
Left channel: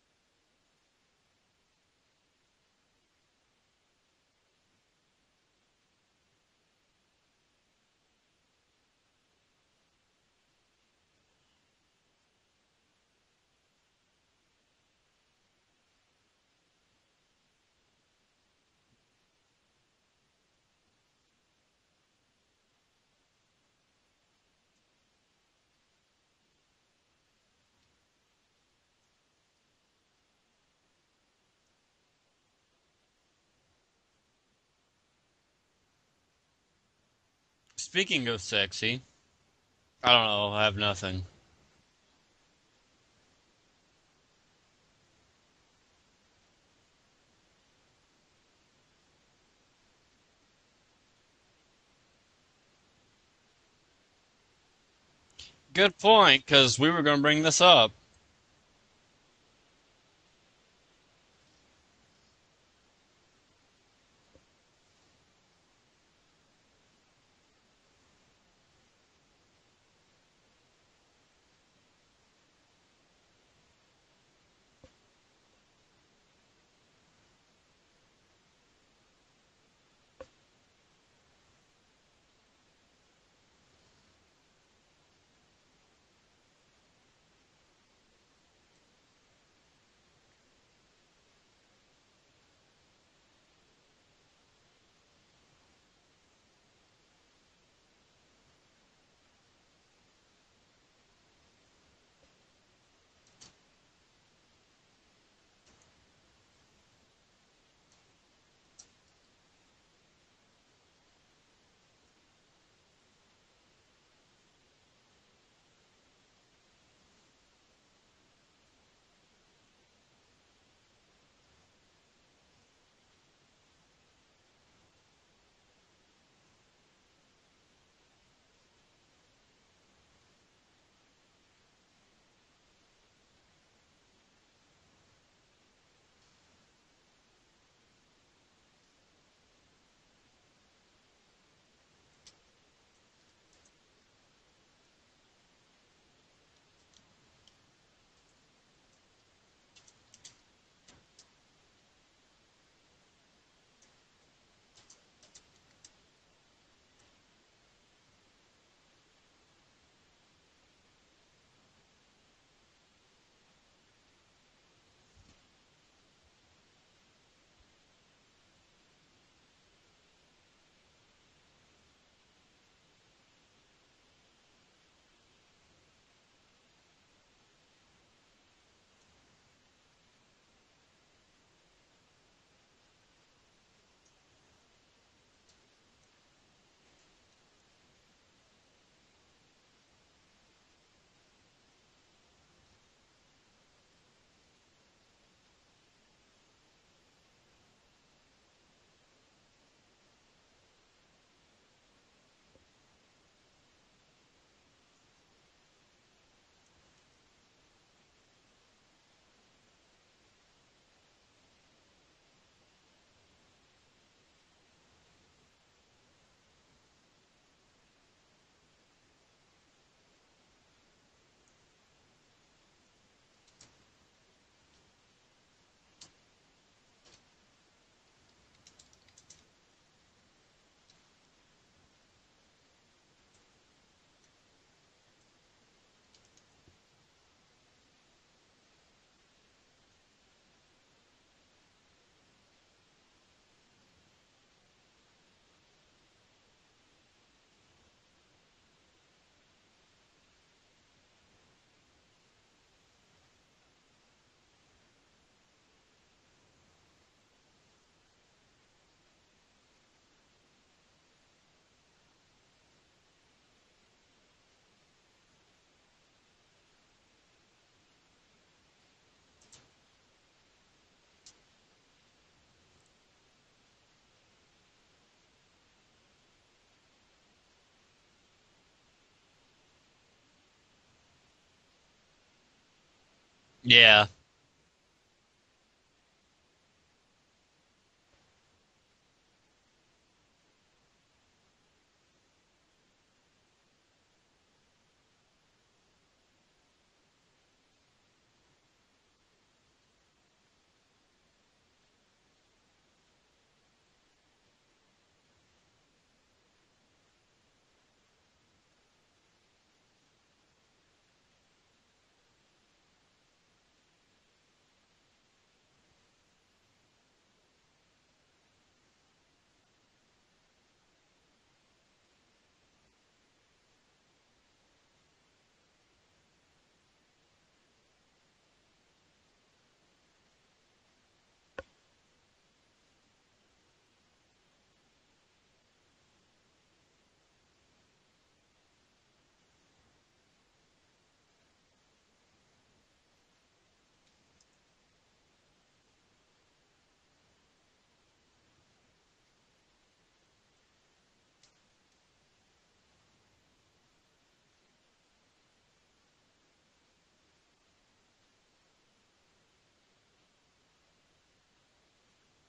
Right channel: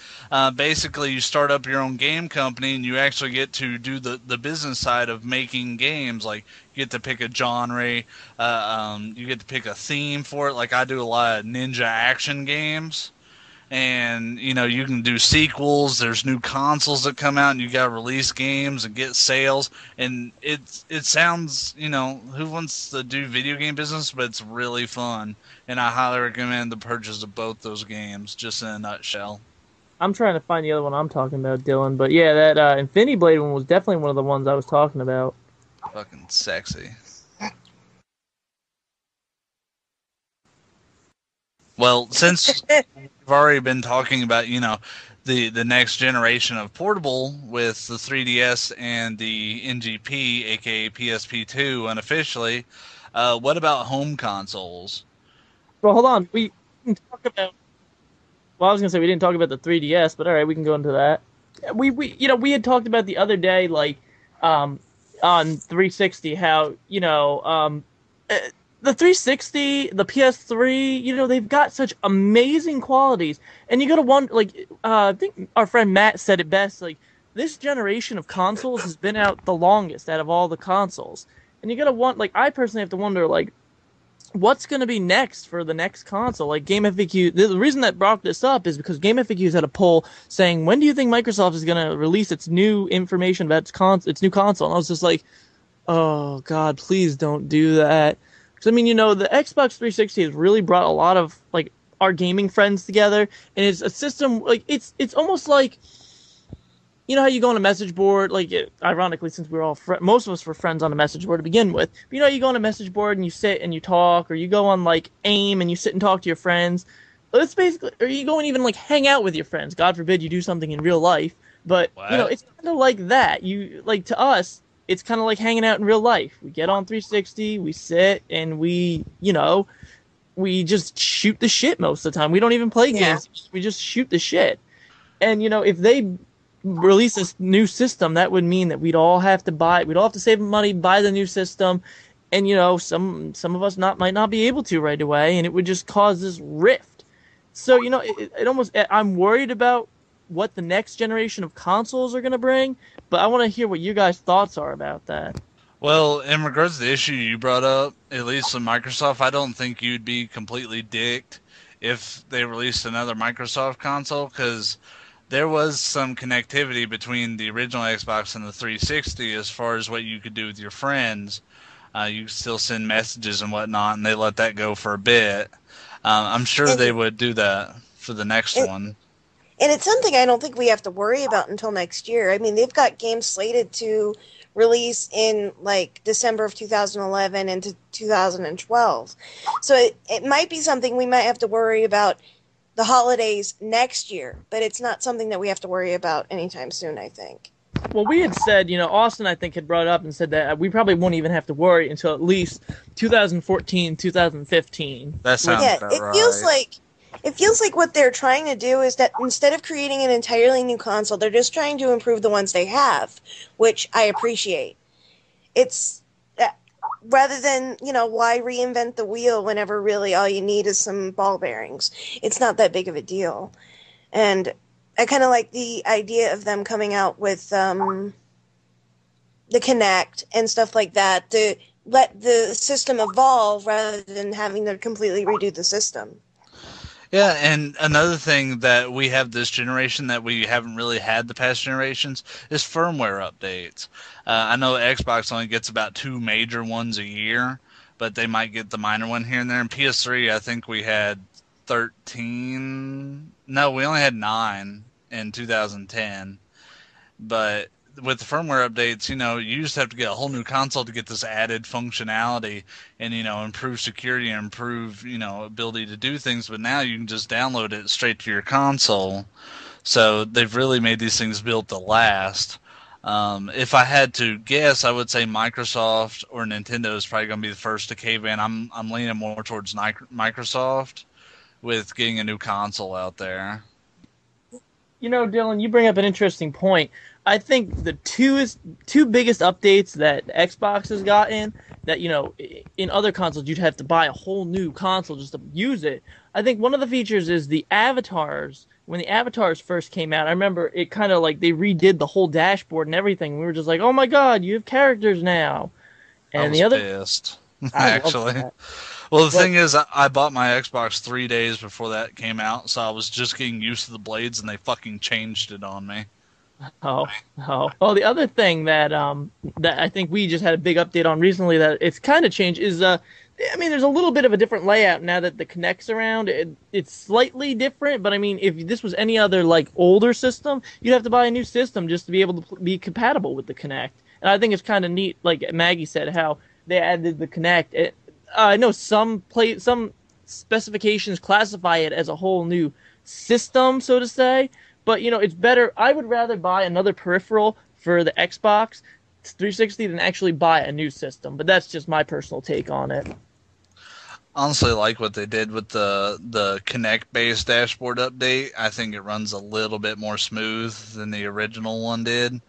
Basically, you start up your own game company, and you actually get to do the business side of making games. Like, you get to pick a genre, you get to pick a theme for it. Like, I do a lot of ninja action games. And, you know, you can do sequels. There's new consoles that come out, and you got to release games and get sales. And it sounds, you know, who wants to do video game business? But it's really fun. And I highly recommend the purchase of both those games, just in a nutshell. I'm trying to find the other one I'm talking about, Dylan. But yeah, that Infinity Blade one was definitely one of the ones I was talking about. Fucking sexy. Speaking of sexy, I don't know. I have nothing. Well, since we've already been talking about, you know, the next generation of portable with the 3DS and the NGP, aka PSP2, unofficially, What about home consoles? Good Well, hold on, point, because we were going to bring this up. Well, I was gonna say we didn't talk about the 3DS, but all right, we can go into that. We had talked about the other day, like, on 360, how the 360, the PS3, they've got such amazing qualities, and you gotta wonder, like, I think our friend Matt said it best, like, this generation of consoles has been out the longest out of all the consoles, and you gotta like, I personally have to wonder, like, what's going to be next for the next console? Like Game FAQ, the reason that brought this up is because Game FAQs had a poll saying, when do you think Microsoft is going to release its new information about its new console? And I was just like, oh God, please don't do that. Because I mean, the Xbox 360 has really brought a lot of like our gaming friends together, and it's a system like it's almost like, how you go on a message board, like, ironically, since we're all most of us were friends on a message board to begin with, but you go on a message board and you sit and you talk, or you go on, like, AIM and you sit and talk to your friends. It's basically, or you go and even, like, hang out with your friends. God forbid you do something in real life. But, it's kind of like that. To us, it's kind of like hanging out in real life. We get on 360, we sit, and we just shoot the shit most of the time. We don't even play games. We just shoot the shit. And, if they release this new system, that would mean that we'd all have to save money, buy the new system, and some of us might not be able to right away, and it would just cause this rift. So I'm worried about what the next generation of consoles are going to bring, but I want to hear what you guys' thoughts are about that. Well, in regards to the issue you brought up, at least with Microsoft, I don't think you'd be completely dicked if they released another Microsoft console, because there was some connectivity between the original Xbox and the 360 as far as what you could do with your friends. You could still send messages and whatnot, and they let that go for a bit. I'm sure they would do that for the next one. And it's something I don't think we have to worry about until next year. I mean, they've got games slated to release in, like, December of 2011 into 2012. So it might be something we might have to worry about the holidays next year, but it's not something that we have to worry about anytime soon, I think. Well, we had said, Austin, I think, had brought up and said that we probably won't even have to worry until at least 2014, 2015. That sounds about right. It feels like what they're trying to do is that instead of creating an entirely new console, they're just trying to improve the ones they have, which I appreciate. It's rather than, why reinvent the wheel whenever really all you need is some ball bearings? It's not that big of a deal. And I kind of like the idea of them coming out with the Kinect and stuff like that to let the system evolve rather than having to completely redo the system. Yeah, and another thing that we have this generation that we haven't really had the past generations is firmware updates. I know Xbox only gets about 2 major ones a year, but they might get the minor one here and there. And PS3, I think we had 13. No, we only had 9 in 2010. But with the firmware updates, you used to have to get a whole new console to get this added functionality and, improve security and improve, ability to do things. But now you can just download it straight to your console. So they've really made these things built to last. If I had to guess, I would say Microsoft or Nintendo is probably going to be the first to cave in. I'm leaning more towards Microsoft with getting a new console out there. Yeah. Dylan, you bring up an interesting point. I think the two biggest updates that Xbox has gotten that, in other consoles you'd have to buy a whole new console just to use it. I think one of the features is the avatars. When the avatars first came out, I remember it kind of like they redid the whole dashboard and everything. We were just like, oh my God, you have characters now. And I was pissed, actually. Well, the thing is, I bought my Xbox 3 days before that came out, so I was just getting used to the blades, and they fucking changed it on me. Oh. Well, the other thing that I think we just had a big update on recently that it's kind of changed is, there's a little bit of a different layout now that the Kinect's around. It's slightly different, but if this was any other, like, older system, you'd have to buy a new system just to be able to be compatible with the Kinect. And I think it's kind of neat, like Maggie said, how they added the Kinect. I know some specifications classify it as a whole new system, so to say. But, it's better. I would rather buy another peripheral for the Xbox 360 than actually buy a new system. But that's just my personal take on it. Honestly, like what they did with the Kinect-based dashboard update. I think it runs a little bit more smooth than the original one did.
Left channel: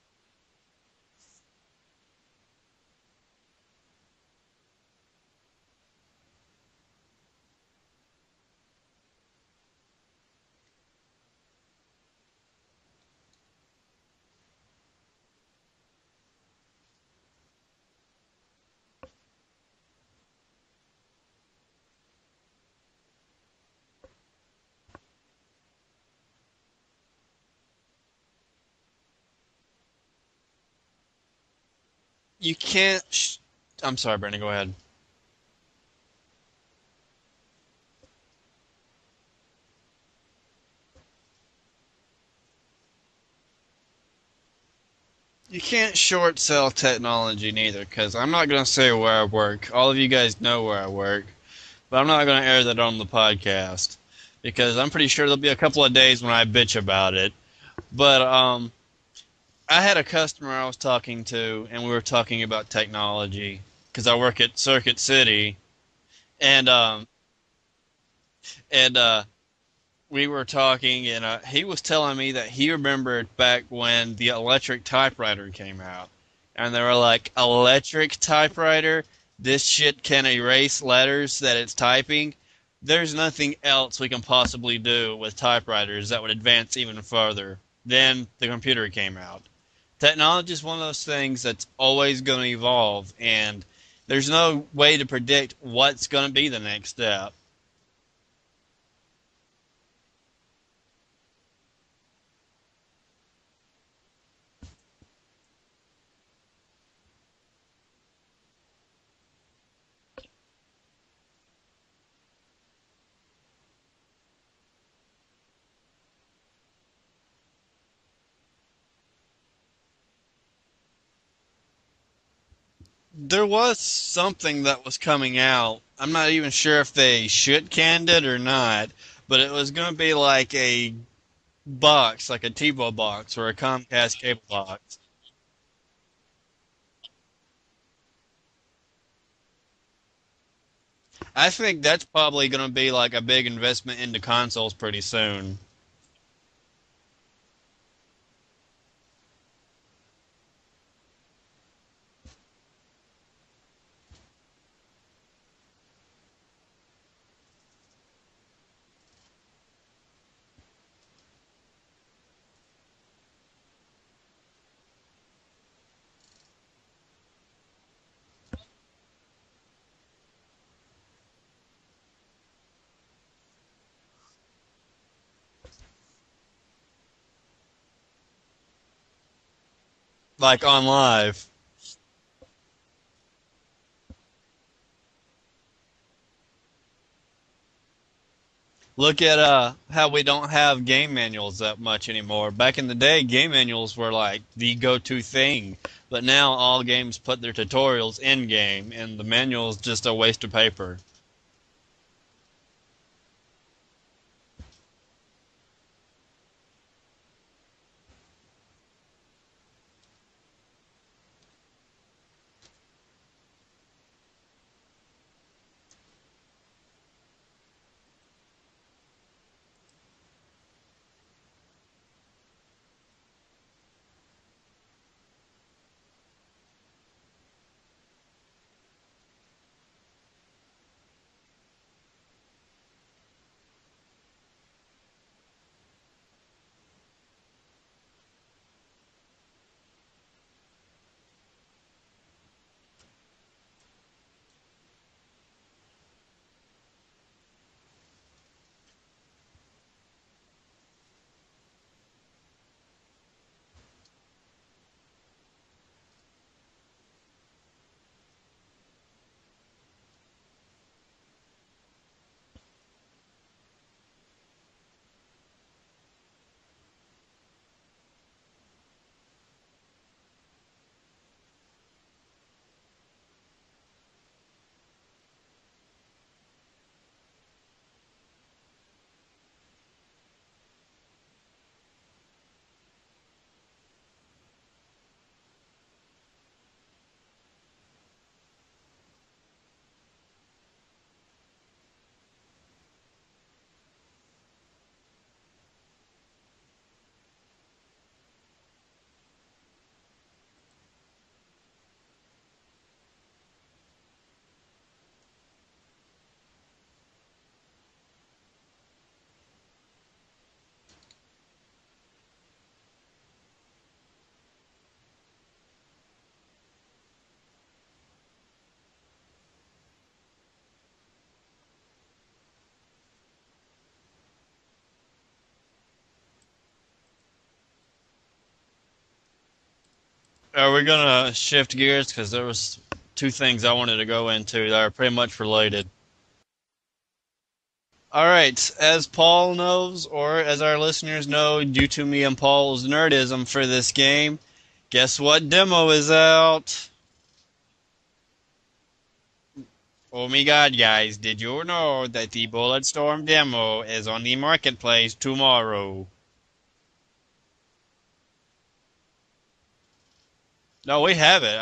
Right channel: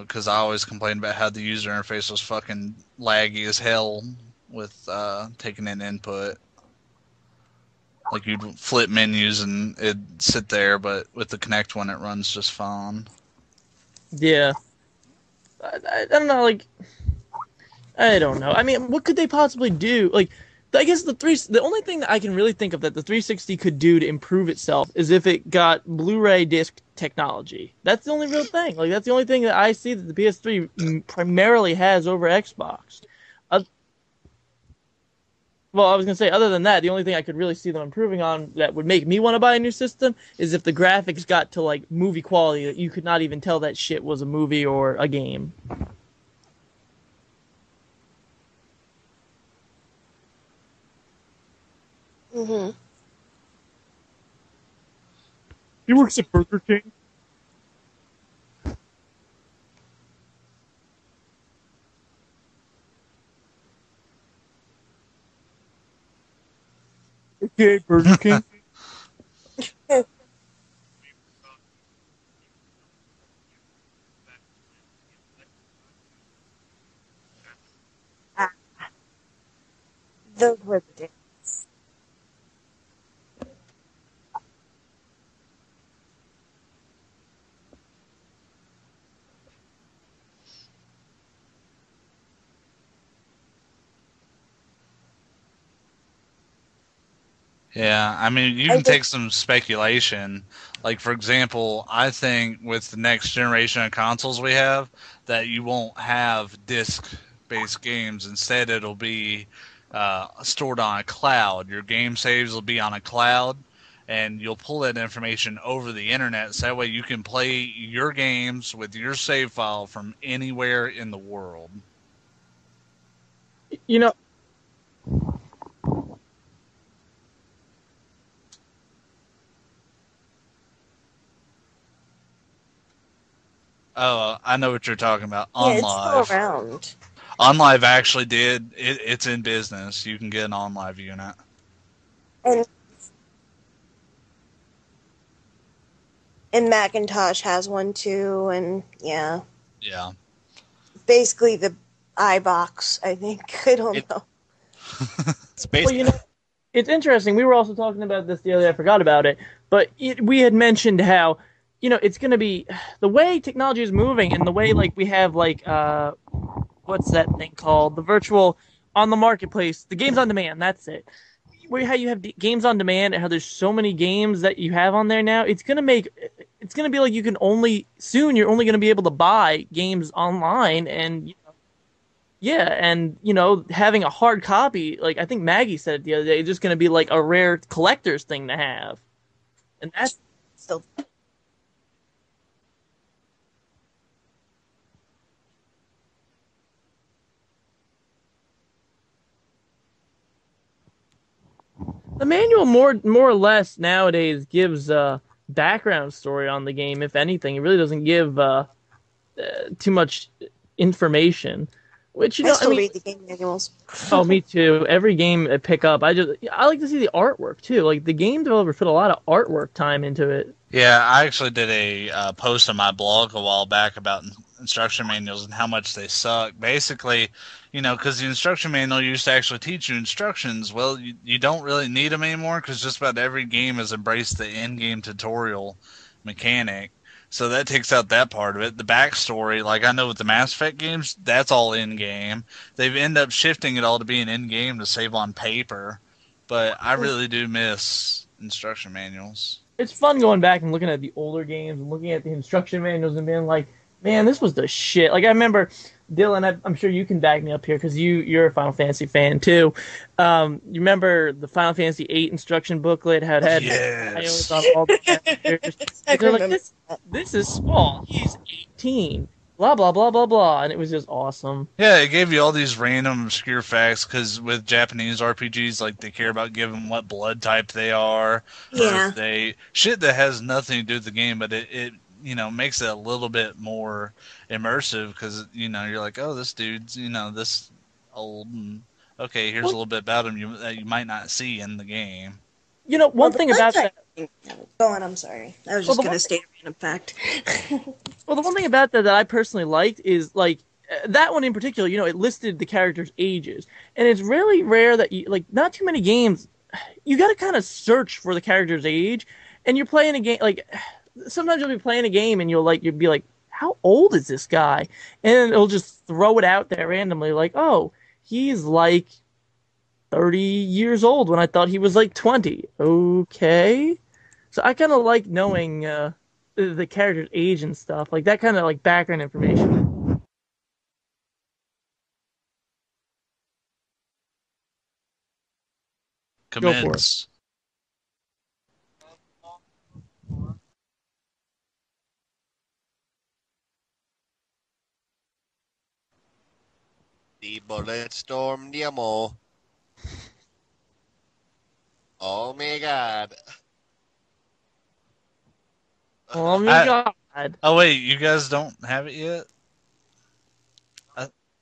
Because I always complained about how the user interface was fucking laggy as hell with taking in input. Like you'd flip menus and it'd sit there, but with the Kinect one, it runs just fine. Yeah. I don't know, like, I don't know. I mean, what could they possibly do? Like, I guess the only thing that I can really think of that the 360 could do to improve itself is if it got Blu-ray disc technology. That's the only real thing. Like, that's the only thing that I see that the PS3 primarily has over Xbox. You can't. I'm sorry, Brandon. Go ahead. Well, I was going to say, other than that, the only thing I could really see them improving on that would make me want to buy a new system is if the graphics got to, like, movie quality that you could not even tell that shit was a movie or a game. You can't short sell technology neither, because I'm not going to say where I work. All of you guys know where I work, but I'm not going to air that on the podcast, because I'm pretty sure there'll be a couple of days when I bitch about it. But I had a customer I was talking to, and we were talking about technology, because I work at Circuit City, and Burger King. and we were talking, and he was telling me that he remembered back when the electric typewriter came out, and they were like, electric typewriter? This shit can erase letters that it's typing? There's nothing else we can possibly do with typewriters that would advance even further. Then the computer came out. Technology is one of those things that's always going to evolve, and there's no way to predict what's going to be the next step. Yeah, I mean, you can take some speculation. Like, for example, I think with the next generation of consoles we have, that you won't have disc-based games. Instead, it'll be stored on a cloud. Your game saves will be on a cloud, and you'll pull that information over the internet. So that way you can play your games with your save file from anywhere in the world. There was something that was coming out. I'm not even sure if they shit-canned it or not, but it was going to be like a box, like a TiVo box or a Comcast cable I know box. what you're talking about. Yeah, it's still around. OnLive actually did. It's in business. You can get an OnLive unit. I think that's probably going to be like a big investment into consoles pretty soon. And Macintosh has one too, and yeah. Yeah. Basically the iBox, I think. I don't know. It's basically... Well, it's interesting. We were also talking about this the other day. I forgot about it. But we had mentioned how, it's going to be the way technology is moving and the way, like, we have, like, what's that thing called? The virtual on the marketplace, the games on demand. That's it. How you have games on demand and how there's so many games that you have on there now. It's going to be like you're only going to be able to buy games online. Like on Live. Yeah, and, having a hard copy, like, I think Maggie said it the other day, it's just going to be, like, a rare collector's thing to have. Look at how we don't have game manuals that much anymore. Back in the day, game manuals were, like, the go-to thing. But now all games put their tutorials in-game, and the manual's just a waste of paper. The manual, more or less, nowadays, gives background story on the game, if anything. It really doesn't give too much information. Which, I still read the game manuals. Oh, me too. Every game I pick up, I like to see the artwork too. Like, the game developers put a lot of artwork time into it. Yeah, I actually did a post on my blog a while back about instruction manuals and how much they suck. Basically, because the instruction manual used to actually teach you instructions. Well, you don't really need them anymore because just about every game has embraced the in-game tutorial mechanic. So that takes out that part of it. The backstory, like I know with the Mass Effect games, that's all in-game. They've ended up shifting it all to being in-game to save on paper. But I really do miss instruction manuals. It's fun going back and looking at the older games and looking at the instruction manuals and being like, man, this was the shit. Like, I remember, Dylan, I'm sure you can back me up here because you're a Final Fantasy fan too. You remember the Final Fantasy VIII instruction booklet had yes. on all the characters? They're like, this is small. He's 18. Blah, blah, blah, blah, blah. And it was just awesome. Yeah, it gave you all these random obscure facts because with Japanese RPGs, like, they care about giving what blood type they are. Yeah. Shit that has nothing to do with the game, but it makes it a little bit more immersive because you're like, oh, this dude's this old, and okay, here's a little bit about him that you might not see in the game. One thing about that. Go on, I'm sorry. I was just going to state a random fact. Well, the one thing about that I personally liked is, like, that one in particular, it listed the characters' ages. And it's really rare that, not too many games, you got to kind of search for the character's age. And you're playing a game, like, sometimes you'll be playing a game and you'll be like, how old is this guy? And it'll just throw it out there randomly, like, oh, he's like 30 years old when I thought he was like 20. Okay. So I kind of like knowing the character's age and stuff, like that kind of like background information. Are we gonna shift gears? Because there was two things I wanted to go into that are pretty much related. Commence. Go for it. All right, as Paul knows, or as our listeners know, due to me and Paul's nerdism for this game, guess what demo is out? The Bulletstorm demo. Oh my god, guys, did you know that the Bulletstorm demo is on the marketplace tomorrow? Oh my god. Oh wait, you guys don't have it yet? No, we have it.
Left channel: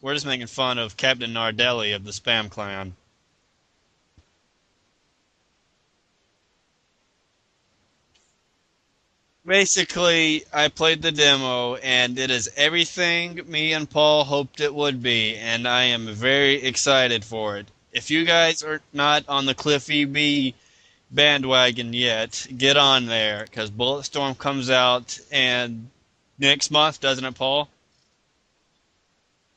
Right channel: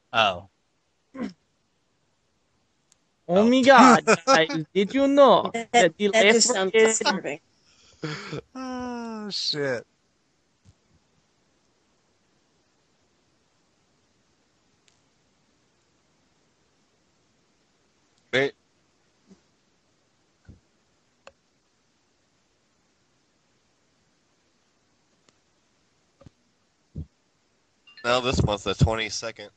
We're just making fun of Captain Nardelli of the Spam Clan. Oh my god, guys, did you know that the That just left sounds is disturbing. Oh, shit. Basically, I played the demo, and it is everything me and Paul hoped it would be, and I am very excited for it. If you guys are not on the Cliffy B bandwagon yet, get on there, because Bulletstorm comes out and next month, doesn't it, Paul? No, this month, the 22nd.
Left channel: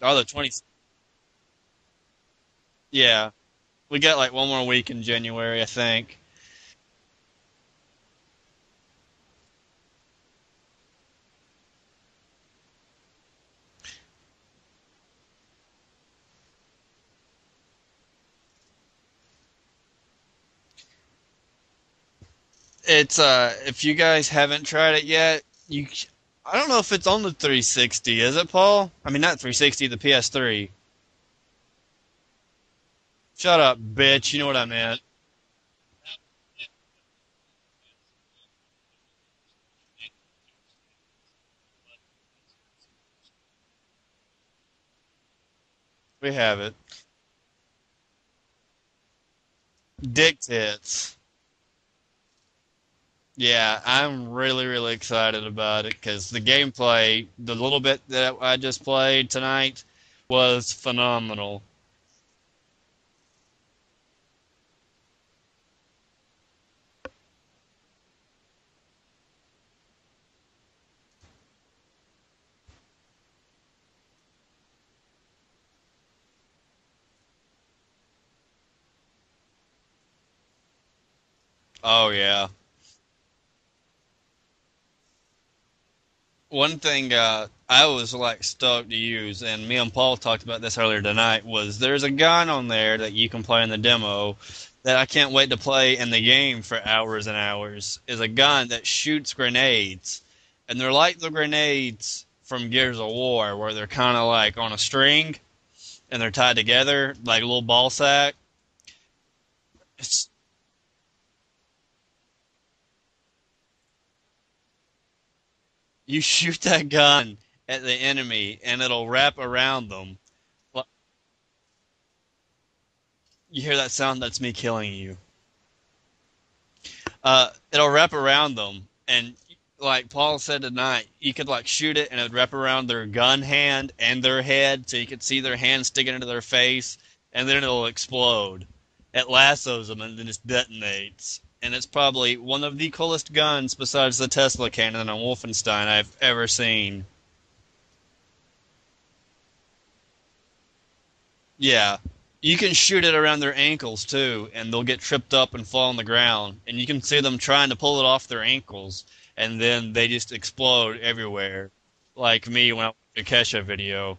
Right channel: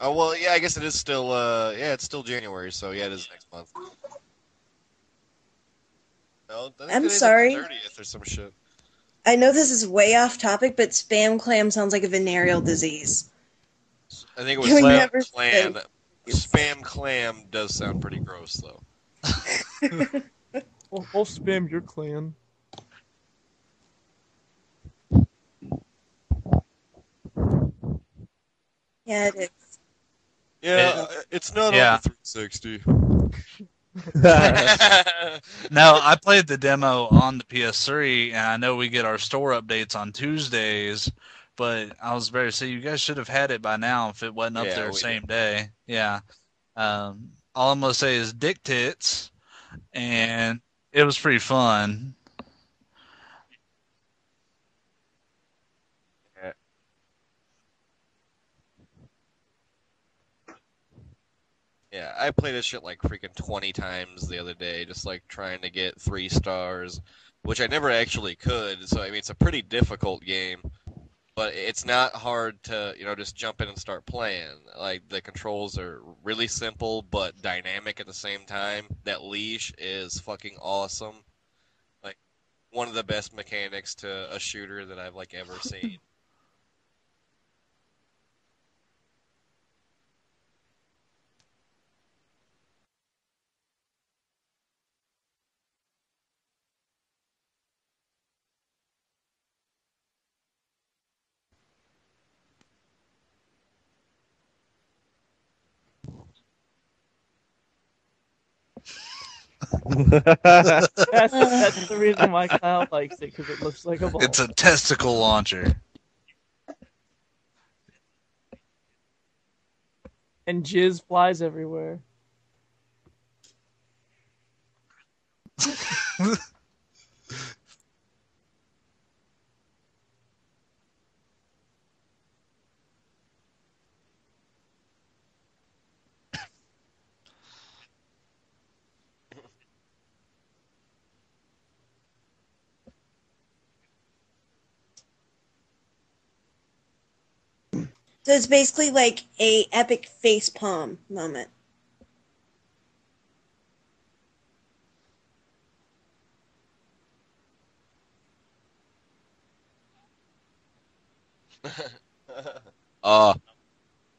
Oh, well, the 20... yeah, I guess it is still, it's still January, so yeah, it's next month. We got like one more week in January, I think. No, I'm sorry. 30th or some shit. I know this is way off topic, but spam clam sounds like a venereal disease. I think it was spam clam. Spam clam does sound pretty gross, though. I'll spam your clan. It's if you guys haven't tried it yet, I don't know if it's on the 360, is it, Paul? I mean, not 360, the PS3. Yeah, it's not on the 360. Shut up, bitch. No, I played the demo on the PS3, and I know we get our store updates on Tuesdays, but I was about to say, you guys should have had it by now if it wasn't up there the same day. Yeah. We have it. All I'm going to say is dick tits. And dick tits. It was pretty fun. Yeah, I'm really, really excited about it because the gameplay, the little bit that I just played tonight, was phenomenal. Yeah, I played this shit like freaking 20 times the other day, just like trying to get 3 stars, which I never actually could. So, I mean, it's a pretty difficult game, but it's not hard to, just jump in and start playing. Like, the controls are really simple, but dynamic at the same time. That leash is fucking awesome. Oh, yeah. One of the best mechanics to a shooter that I've, ever seen. One thing I was, stoked to use, and me and Paul talked about this earlier tonight, was there's a gun on there that you can play in the demo that I can't wait to play in the game for hours and hours, is a gun that shoots grenades. And they're like the grenades from Gears of War, where they're kind of like on a string, and they're tied together, like a little ball sack. That's the reason why Kyle likes it, because it looks like a ball. It's a testicle launcher. You shoot that gun at the enemy, and it'll wrap around them. And jizz flies everywhere. You hear that sound? That's me killing you. It'll wrap around them, and like Paul said tonight, you could shoot it, and it would wrap around their gun hand and their head, so you could see their hand sticking into their face, and then it'll explode. It lassos them and then just detonates. And it's probably one of the coolest guns besides the Tesla cannon on Wolfenstein I've ever seen. So it's basically like a epic facepalm moment. Yeah. You can shoot it around their ankles too, and they'll get tripped up and fall on the ground. And you can see them trying to pull it off their ankles, and then they just explode everywhere. Like me when I watched the Kesha video.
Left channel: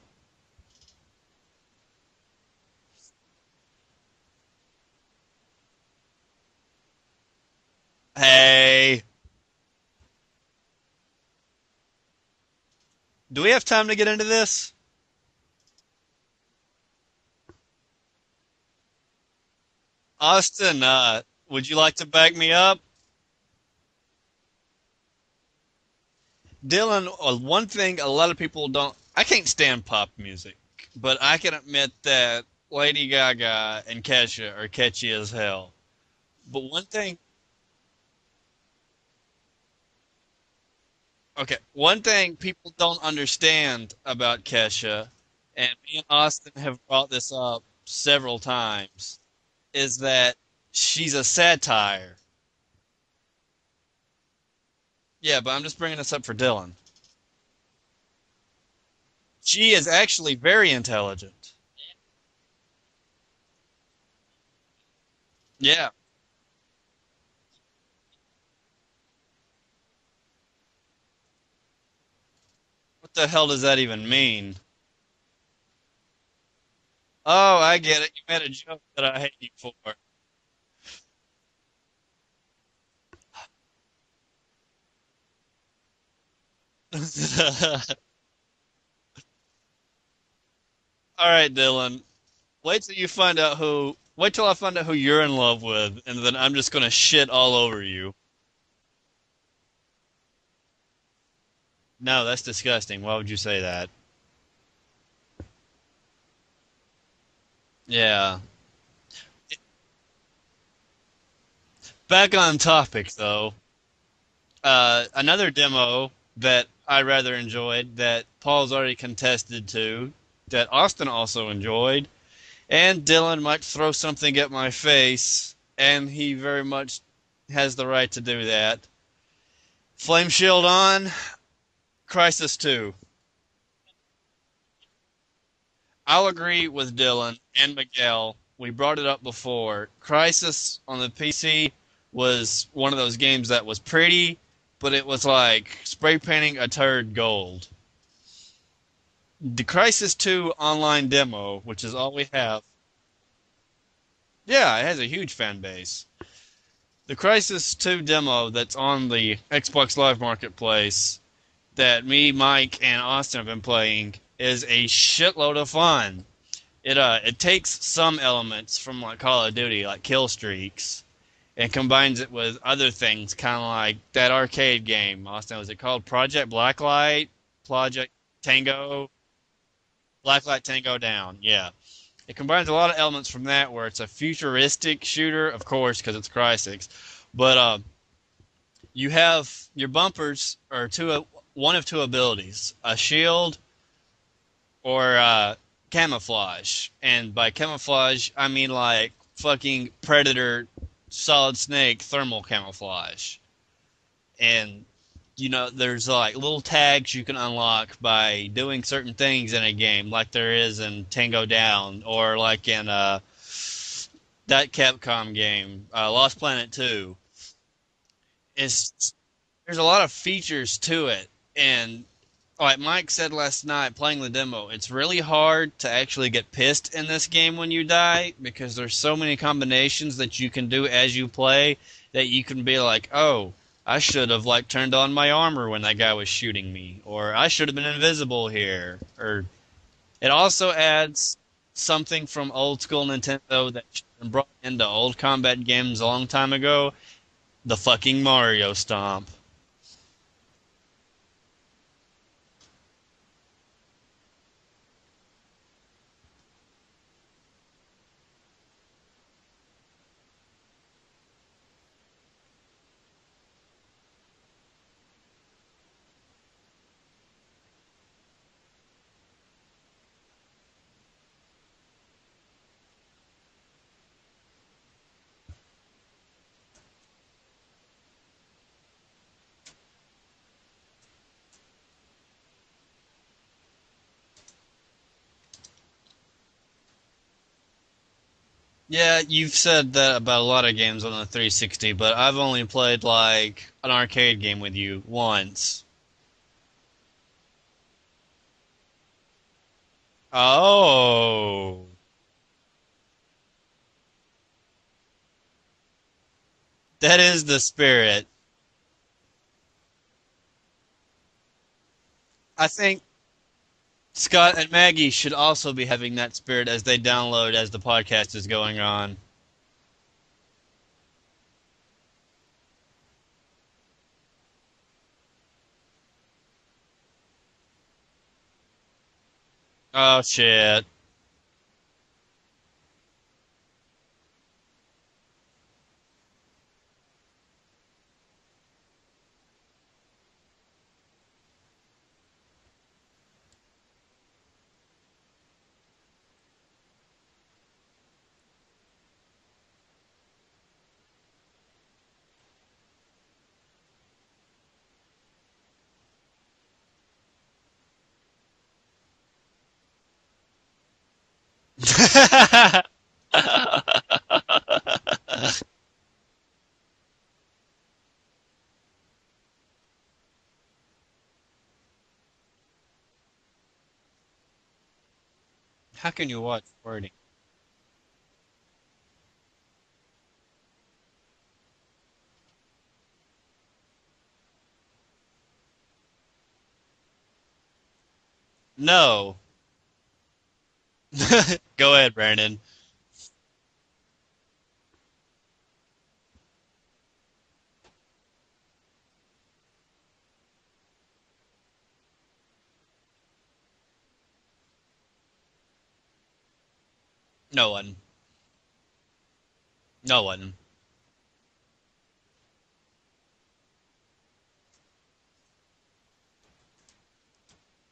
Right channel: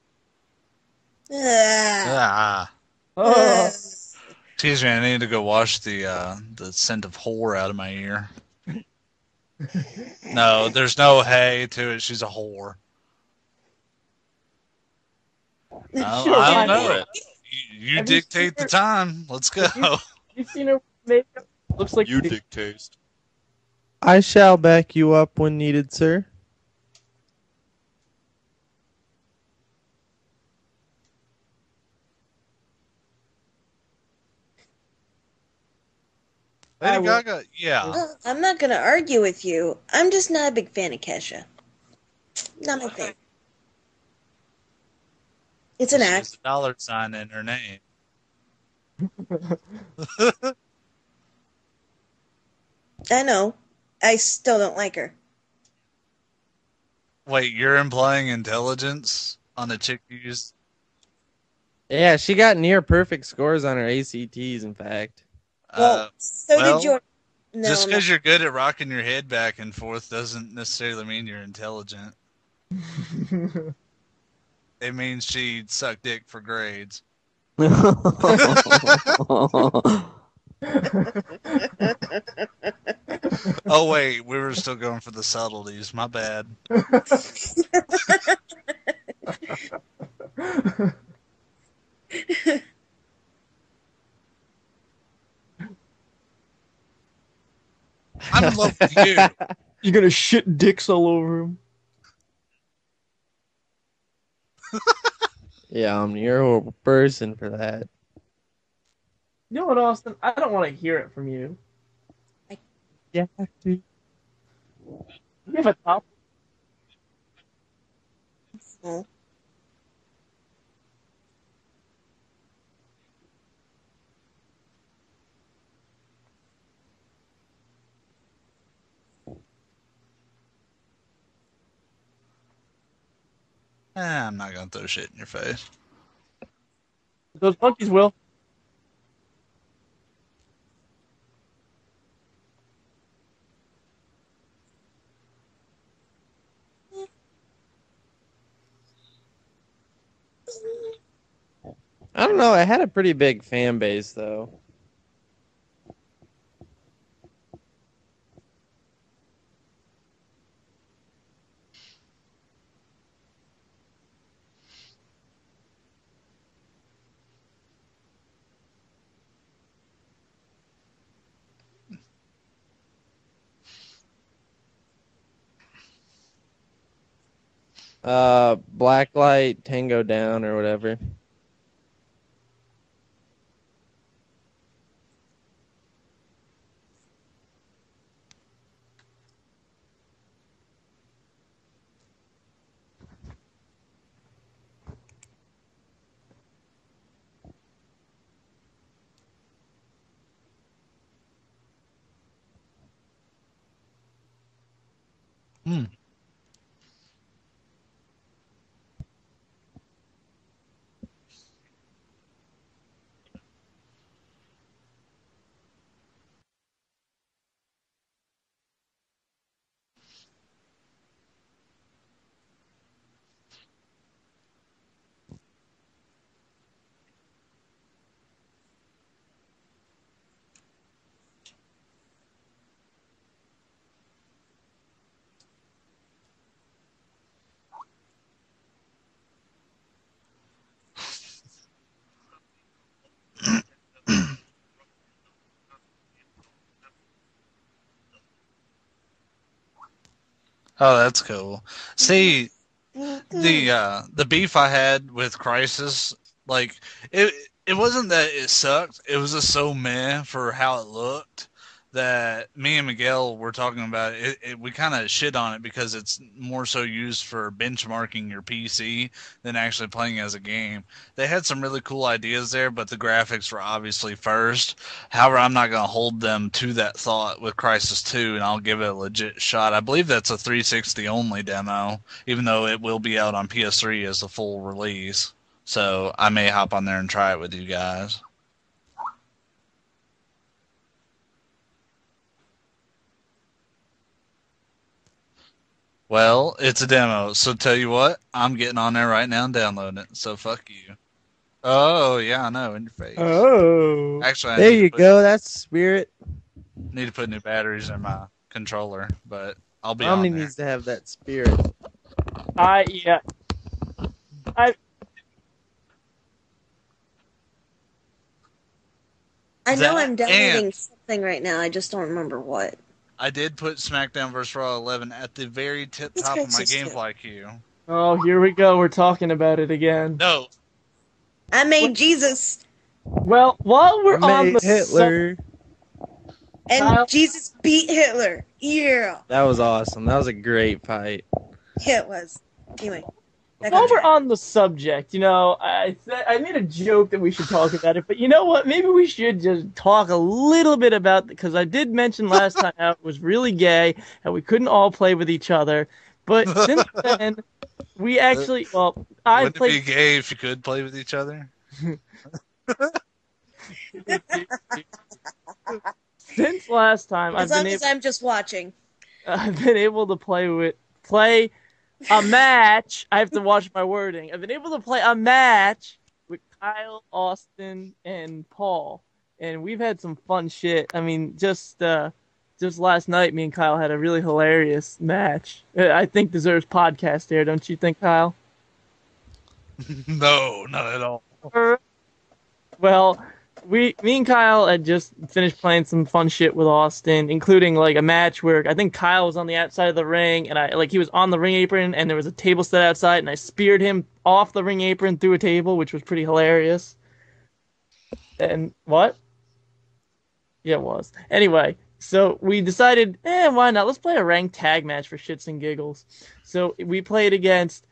Excuse me, I need to go wash the scent of whore out of my ear. Hey. No, there's no hey to it. She's a whore. Do we have time to get into this? I don't know. You dictate the time. Let's go. Austin, would you like to back me up? I shall back you up when needed, sir. Dylan, one thing a lot of people don't... I can't stand pop music, but I can admit that Lady Gaga and Kesha are catchy as hell. But one Lady thing... Gaga, yeah. I'm not going to argue with you. I'm just not a big fan of Kesha. Okay, one thing people Not a don't fan. understand about Kesha, and It's an act. Austin Dollar have brought sign this in her up name. several times, is that she's a satire. I know. I still don't like her. Yeah, but I'm just bringing this up for Dylan. Wait, you're implying intelligence? She is actually very intelligent. Yeah, she got near perfect scores on her ACTs, in fact. Yeah. Well, so well, did your... No, Just no. because you're good at rocking your head back and forth doesn't necessarily mean you're intelligent. What the hell does that even mean? It means she sucked dick for grades. Oh, I get it. Oh, wait, we were still going for the subtleties. My bad. All right, Dylan. Wait till I find out who you're in love with, and then I'm just gonna shit all over you. I'm in love with you. You're gonna shit dicks all over him. No, that's disgusting. Why would you say that? Yeah, you're a horrible person for that. Yeah. You know what, Austin? I don't want to hear it from you. Back on topic, though. Another demo that I rather enjoyed, that Paul's already contested to, that Austin also enjoyed, and Dylan might throw something at my face, and he very much has the right to do that. Flame Shield on, Crisis 2. I'm not going to throw shit in your face. I'll agree with Dylan Those and fuckers Miguel. We brought it up before. Crisis on the PC was one of those games that was pretty, but it was like spray painting a turd gold. The Crisis 2 online demo, which is all we I don't have. know. It had a pretty big fan base, though. Yeah, it has a huge fan base. The Crisis 2 demo that's on the Xbox Live Marketplace that me, Mike, and Austin have been playing is a shitload of fun. It takes some elements from like Call of Duty, like kill streaks, and combines it with other things, kind of like that arcade game. Austin, was it called Project Blacklight? Project Tango? Blacklight Tango Down or Blacklight whatever. Tango Down, yeah. It combines a lot of elements from that, where it's a futuristic shooter, of course, because it's Crysis. But you have your bumpers are one of two abilities: a shield or camouflage. And by camouflage, I mean like fucking Predator, Solid Snake thermal camouflage. And you know, there's like little tags you can unlock by doing certain things in a game, like there is in Tango Down, or like in that Capcom game, Lost Planet 2. There's a lot of features to it, and like Mike said last night playing the demo, it's really hard to actually get pissed in this game when you die, because there's so many combinations that you can do as you play that you can be like, oh, I should have like turned on my armor when that guy was shooting me, or I should have been invisible here. Or it also adds something from old school Nintendo that brought into old combat games a long time ago, the fucking Mario Stomp. Oh, that's cool. See, the beef I had with Crysis, like it wasn't that it sucked. It was just so meh for how it looked that me and Miguel were talking about it. We kind of shit on it because it's more so used for benchmarking your PC than actually playing as a game. They had some really cool ideas there, but the graphics were obviously first. However, I'm not going to hold them to that thought with Crysis 2, and I'll give it a legit shot. I believe that's a 360 only demo, even though it will be out on PS3 as a full release. So I may hop on there and try it with you guys. Yeah, you've said that about a lot of games on the 360, but I've only played like an arcade game with you once. Well, it's a demo, so tell you what, I'm getting on there right now and downloading it. So oh yeah, I know, in your face. Oh, Actually, There you go. That's spirit. That is the spirit. Controller, but I'll be Omni on there. needs to have that spirit. I think yeah. Scott and Maggie should also be having that spirit as they download as the podcast is going on. I know That I'm downloading something right now. I just don't remember what. I did put SmackDown vs. Raw 11 at the very top of my GameFly queue. Oh, here we go. We're talking about it again. Oh, No. shit. I made Jesus. Well, while we're on the Hitler. And Kyle? Jesus beat Hitler. Yeah. That was awesome. That was a great fight. Yeah, it was. Anyway. While we're on the subject, I made a joke that we should talk about it, but you know what? Maybe we should just talk a little bit about it, because I did mention last time how it was really gay, how we couldn't all play with each other. But since then, we actually, I Wouldn't played. it be gay if you could play with each other? Since last time, As long as I'm just watching. I've been able to play a match. I have to watch my wording. I've been able to play a match. How can you watch Kyle, wording? Austin, and Paul, and we've had some fun shit. I mean, just last night, me and Kyle had a really hilarious match. I think deserves podcast air, don't you think, Kyle? No. No, not at all. Go ahead, Brandon. Well, me and Kyle had just finished playing some fun shit with Austin, including like a match where I think Kyle was on the outside of the ring, and he was on the ring apron, and there was a table set outside, and I speared him off the ring apron through a table, which was pretty hilarious. No one. And what? No one. Yeah, it was. Anyway, so we decided, why not? Let's play a ranked tag match for shits and giggles. So we played against.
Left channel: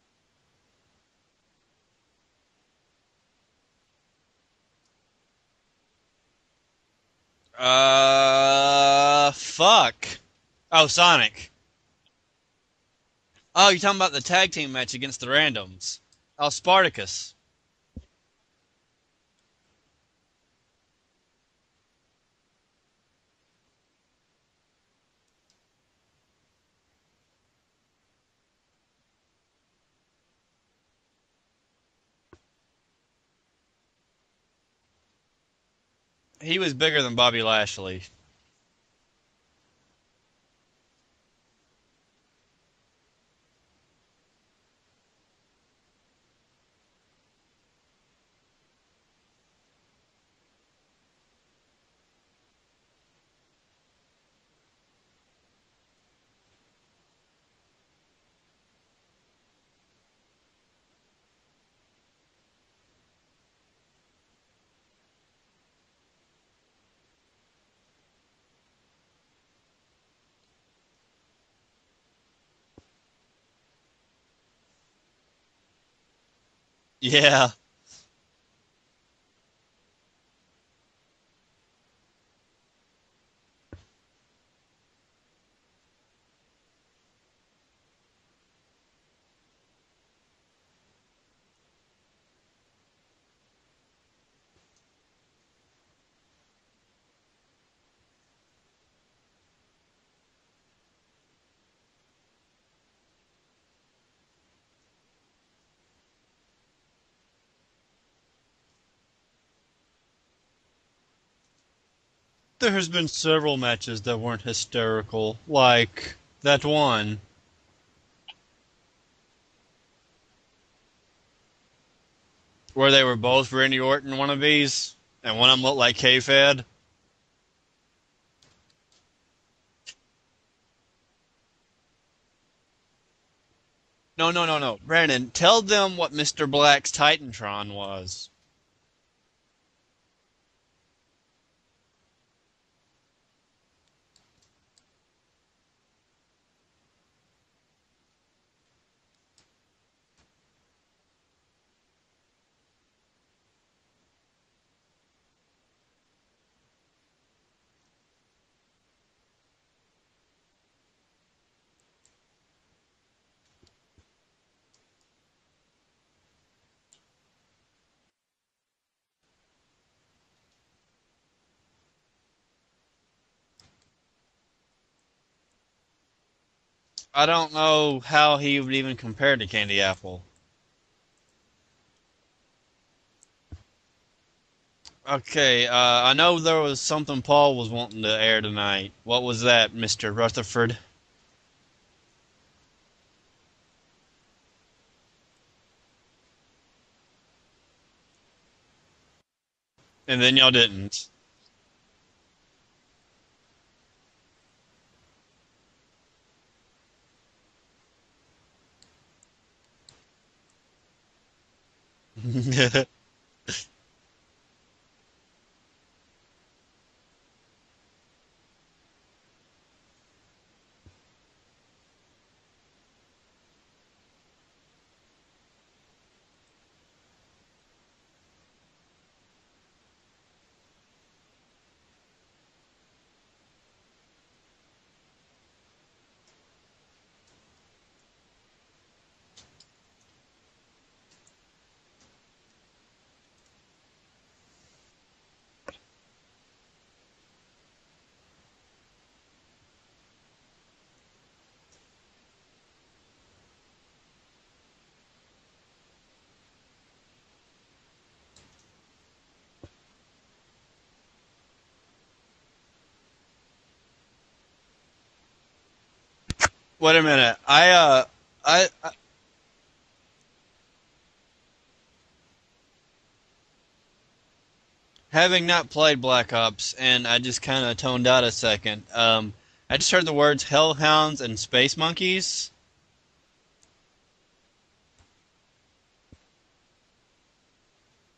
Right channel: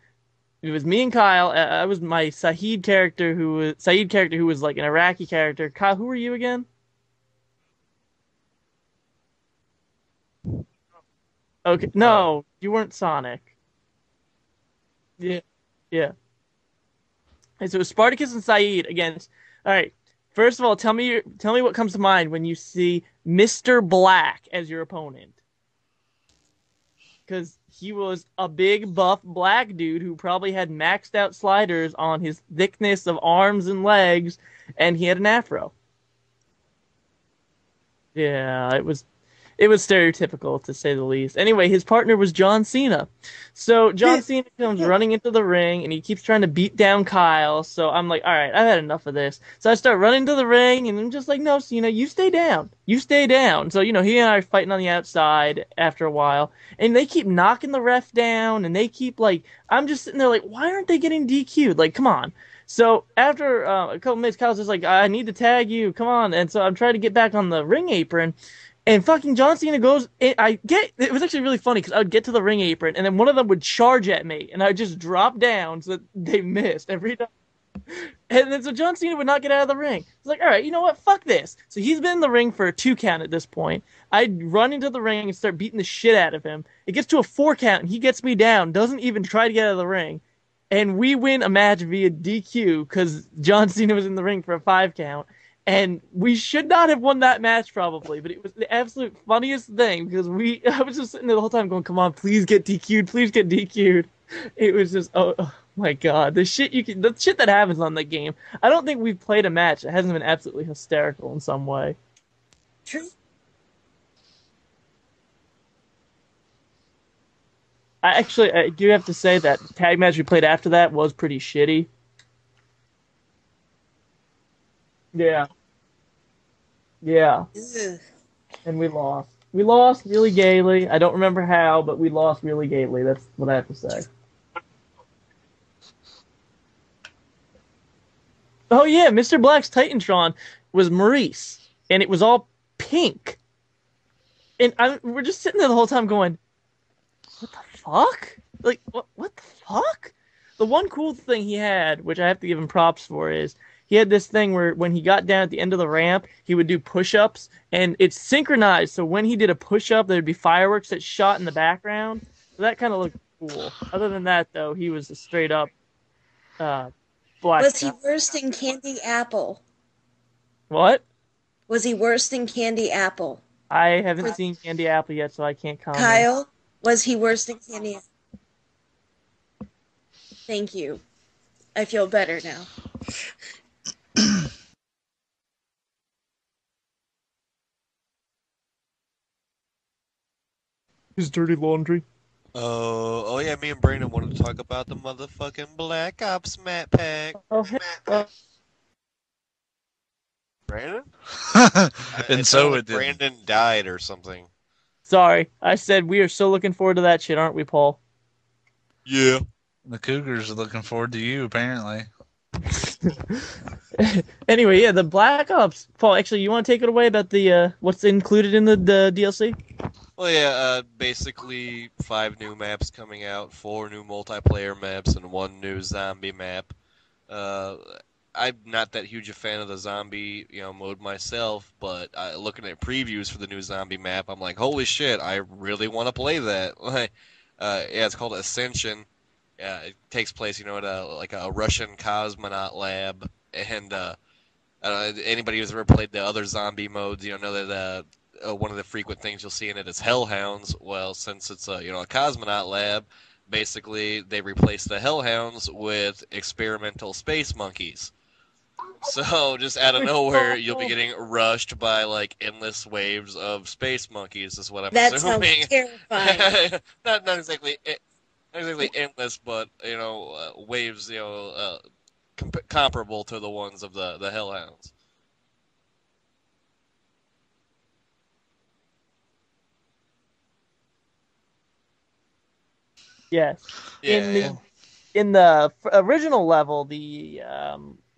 It was me and Kyle. I was my Saeed character, who was like an Iraqi character. Kyle, who were you again? Fuck. Oh, Sonic. Okay, no, you weren't Sonic. Oh, you're talking about the tag team match against the randoms. Yeah. Oh, Spartacus. And so it was Spartacus and Saeed against. All right. First of all, tell me what comes to mind when you see Mr. Black as your opponent. Because he was a big, buff, black dude who probably had maxed out sliders on his thickness of arms and legs, and he had an afro. He was bigger than Bobby Lashley. Yeah, it was stereotypical, to say the least. Anyway, his partner was John Cena. So John Cena comes running into the ring, and he keeps trying to beat down Kyle. So I'm like, all right, I've had enough of this. So I start running to the ring, and I'm just like, no, Cena, you stay down. You stay down. So, he and I are fighting on the outside after a while, and they keep knocking the ref down, and they keep, I'm just sitting there like, why aren't they getting DQ'd? Like, come on. So after a couple minutes, Kyle's just like, I need to tag you. Come on. And so I'm trying to get back on the ring apron. And fucking John Cena goes, it was actually really funny because I would get to the ring apron and then one of them would charge at me and I would just drop down so that they missed every time. And then so John Cena would not get out of the ring. It's like, all right, you know what? Fuck this. So he's been in the ring for a 2 count at this point. I run into the ring and start beating the shit out of him. It gets to a 4 count and he gets me down, doesn't even try to get out of the ring. And we win a match via DQ because John Cena was in the ring for a 5 count. And we should not have won that match probably, but it was the absolute funniest thing because I was just sitting there the whole time going, come on, please get DQ'd, please get DQ'd. It was just, oh my God, the shit that happens on that game. I don't think we've played a match that hasn't been absolutely hysterical in some way. There has been several matches that weren't hysterical, like that one. I do have to say that tag match we played after that was pretty shitty. Where they were both Randy Orton wannabes? Yeah. And one of them looked like K-Fed? Yeah. Ugh. And we lost. We lost really gaily. I don't remember how, but we lost really gaily. That's what I have to say. No. Brandon, tell them what Mr. Black's Titantron was. Oh, yeah. Mr. Black's Titantron was Maurice. And it was all pink. And we're just sitting there the whole time going, what the fuck? Like, what the fuck? The one cool thing he had, which I have to give him props for, is he had this thing where when he got down at the end of the ramp, he would do push-ups, and it's synchronized. So when he did a push-up, there'd be fireworks that shot in the background. So that kind of looked cool. Other than that, though, he was a straight-up black. Was he worse than Candy Apple? What? Was he worse than Candy Apple? I haven't seen Candy Apple yet, so I can't comment. Kyle, was he worse than Candy Apple? I don't know how he would even compare to Candy Apple. Thank you. I feel better now. Okay, I know there was something Paul was wanting to air tonight. What was that, Mr. Rutherford? His dirty laundry. Oh yeah, me and Brandon wanted to talk about the motherfucking Black Ops map pack. And then y'all didn't. Brandon? And It so sounded it like didn't. Brandon died or something. Sorry, I said we are so looking forward to that shit, aren't we, Paul? Yeah. The Cougars are looking forward to you, apparently. Anyway, yeah, the Black Ops. Paul, actually, you want to take it away about the what's included in the DLC? Well, yeah, basically 5 new maps coming out, 4 new multiplayer maps, and 1 new zombie map. I'm not that huge a fan of the zombie, mode myself, but looking at previews for the new zombie map, I'm like, holy shit, I really want to play that. Yeah, it's called Ascension. It takes place, at a Russian cosmonaut lab, and anybody who's ever played the other zombie modes, know that one of the frequent things you'll see in it is hellhounds. Well, since it's a cosmonaut lab, basically they replace the hellhounds with experimental space monkeys. So just out of nowhere, you'll be getting rushed by like endless waves of space monkeys. Is what I'm assuming. That sounds terrifying. Wait a minute. Basically endless, but waves, comparable to the ones of the hellhounds. Having not played Black Ops, and I just kind of toned out a second. I just heard the words hellhounds and space monkeys. Yes. Yeah, In the original level, the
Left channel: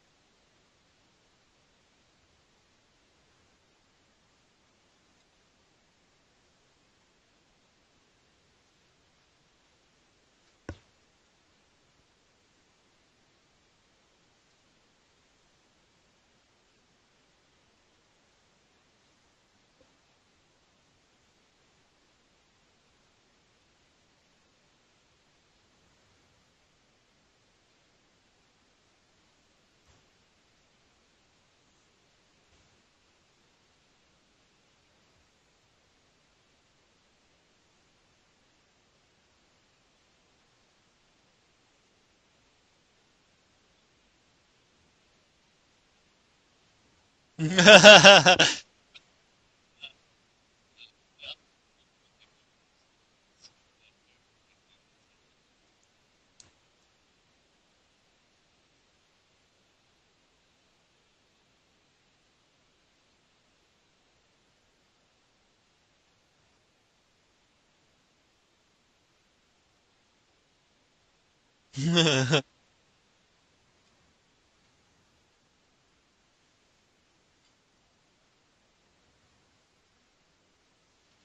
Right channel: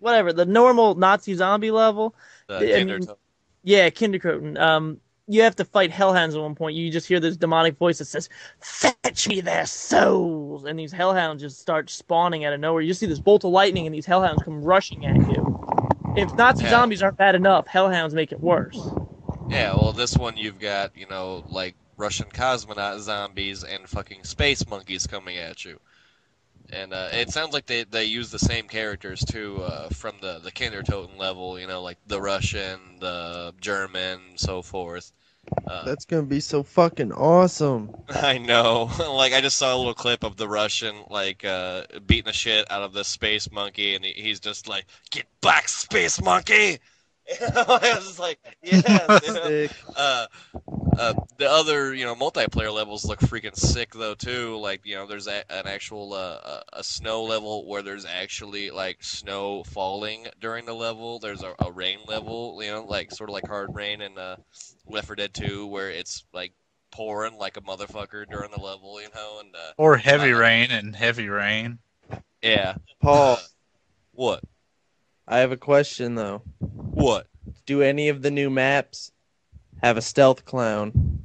the normal Nazi zombie level. Kindergarten. Yeah, kindergarten. You have to fight hellhounds at one point. You just hear this demonic voice that says, "Fetch me their souls," and these hellhounds just start spawning out of nowhere. You just see this bolt of lightning, and these hellhounds come rushing at you. If Nazi zombies aren't bad enough, hellhounds make it worse. Yeah, well, this one you've got, like Russian cosmonaut zombies and fucking space monkeys coming at you. And it sounds like they use the same characters, too, from the Kindertoten level, like the Russian, the German, so forth. That's gonna be so fucking awesome. I know. Like, I just saw a little clip of the Russian, like, beating the shit out of the space monkey, and he's just like, "Get back, space monkey!" Yeah, Sick. the other, multiplayer levels look freaking sick though too. Like, there's an actual a snow level where there's actually like snow falling during the level. There's a rain level, like sort of like Hard Rain in Left 4 Dead 2, where it's like pouring like a motherfucker during the level, and Or Heavy Rain and Heavy Rain. yeah. Paul, What? I have a question though. What? Do any of the new maps have a stealth clown?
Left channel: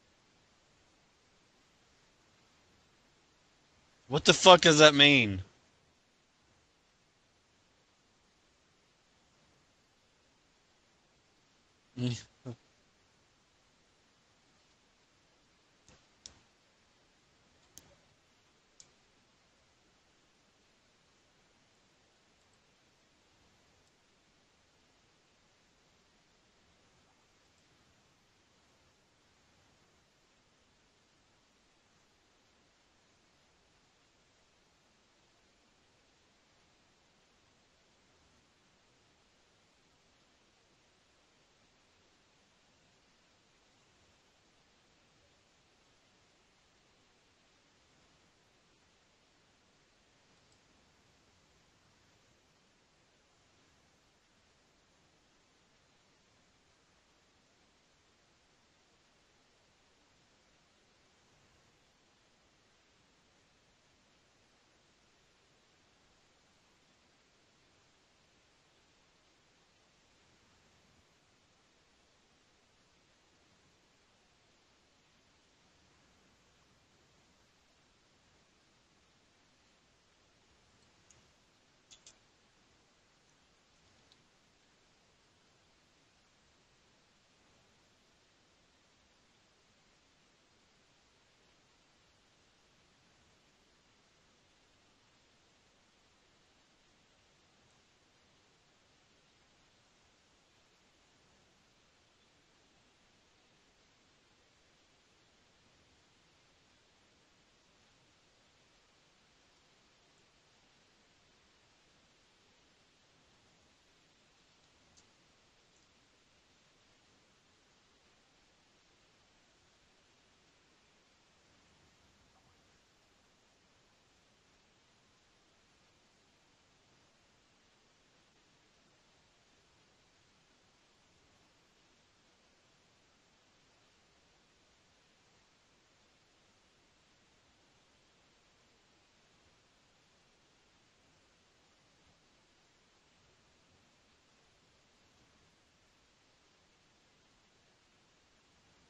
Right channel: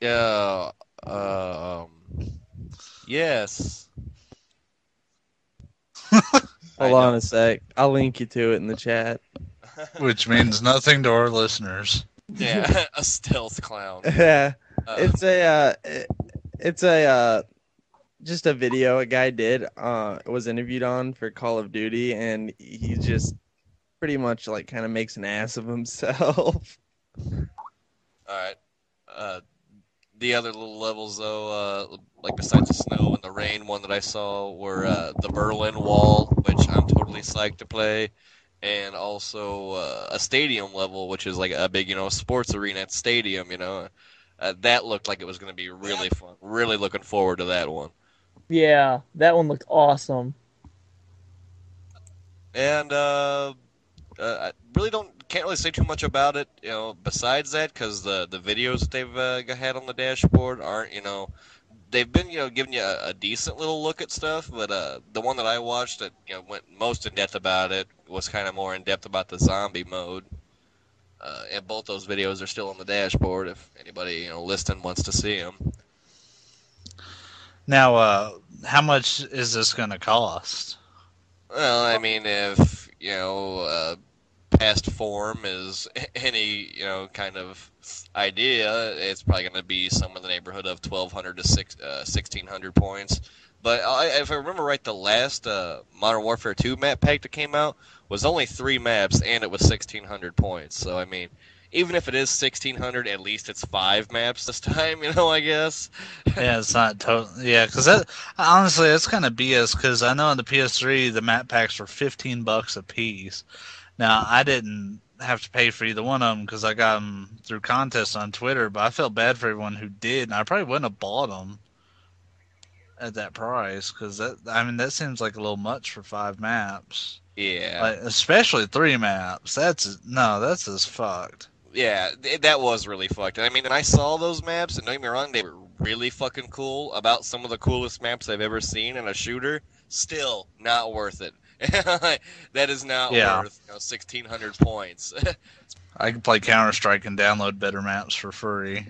Yeah. Yes. What the fuck does that mean? Hold on a sec. I'll link you to it in the chat. Which means nothing to our listeners. Yeah, a stealth clown. Yeah, it's just a video a guy did. Was interviewed on for Call of Duty, and he just pretty much like kind of makes an ass of himself. All right. The other little levels, though, like besides the snow and the rain, one that I saw were the Berlin Wall, which I'm totally psyched to play, and also a stadium level, which is like a big, sports arena stadium. That looked like it was going to be really fun. Really looking forward to that one. Yeah, that one looked awesome. And I really can't really say too much about it, besides that, because the videos that they've had on the dashboard aren't, they've been, giving you a decent little look at stuff, but the one that I watched that, went most in depth about it was kind of more in depth about the zombie mode. And both those videos are still on the dashboard if anybody, listening wants to see them. Now, how much is this going to cost? Well, I mean, if, past form is any, kind of idea, it's probably going to be somewhere in the neighborhood of 1,200 to 1,600 points. But if I remember right, the last Modern Warfare 2 map pack that came out was only 3 maps, and it was 1,600 points. So, I mean, even if it is 1,600, at least it's 5 maps this time, I guess. Yeah, it's not totally. Yeah, because honestly, it's kind of BS. Because I know on the PS3 the map packs were $15 a piece. Now I didn't have to pay for either one of them because I got them through contests on Twitter. But I felt bad for everyone who did, and I probably wouldn't have bought them at that price because that seems like a little much for 5 maps. Yeah. Like, especially 3 maps. That's as fucked. Yeah, that was really fucked. I mean, and I saw those maps, and don't get me wrong, they were really fucking cool. About some of the coolest maps I've ever seen in a shooter. Still not worth it. That is not worth 1,600 points. I can play Counter-Strike and download better maps for free.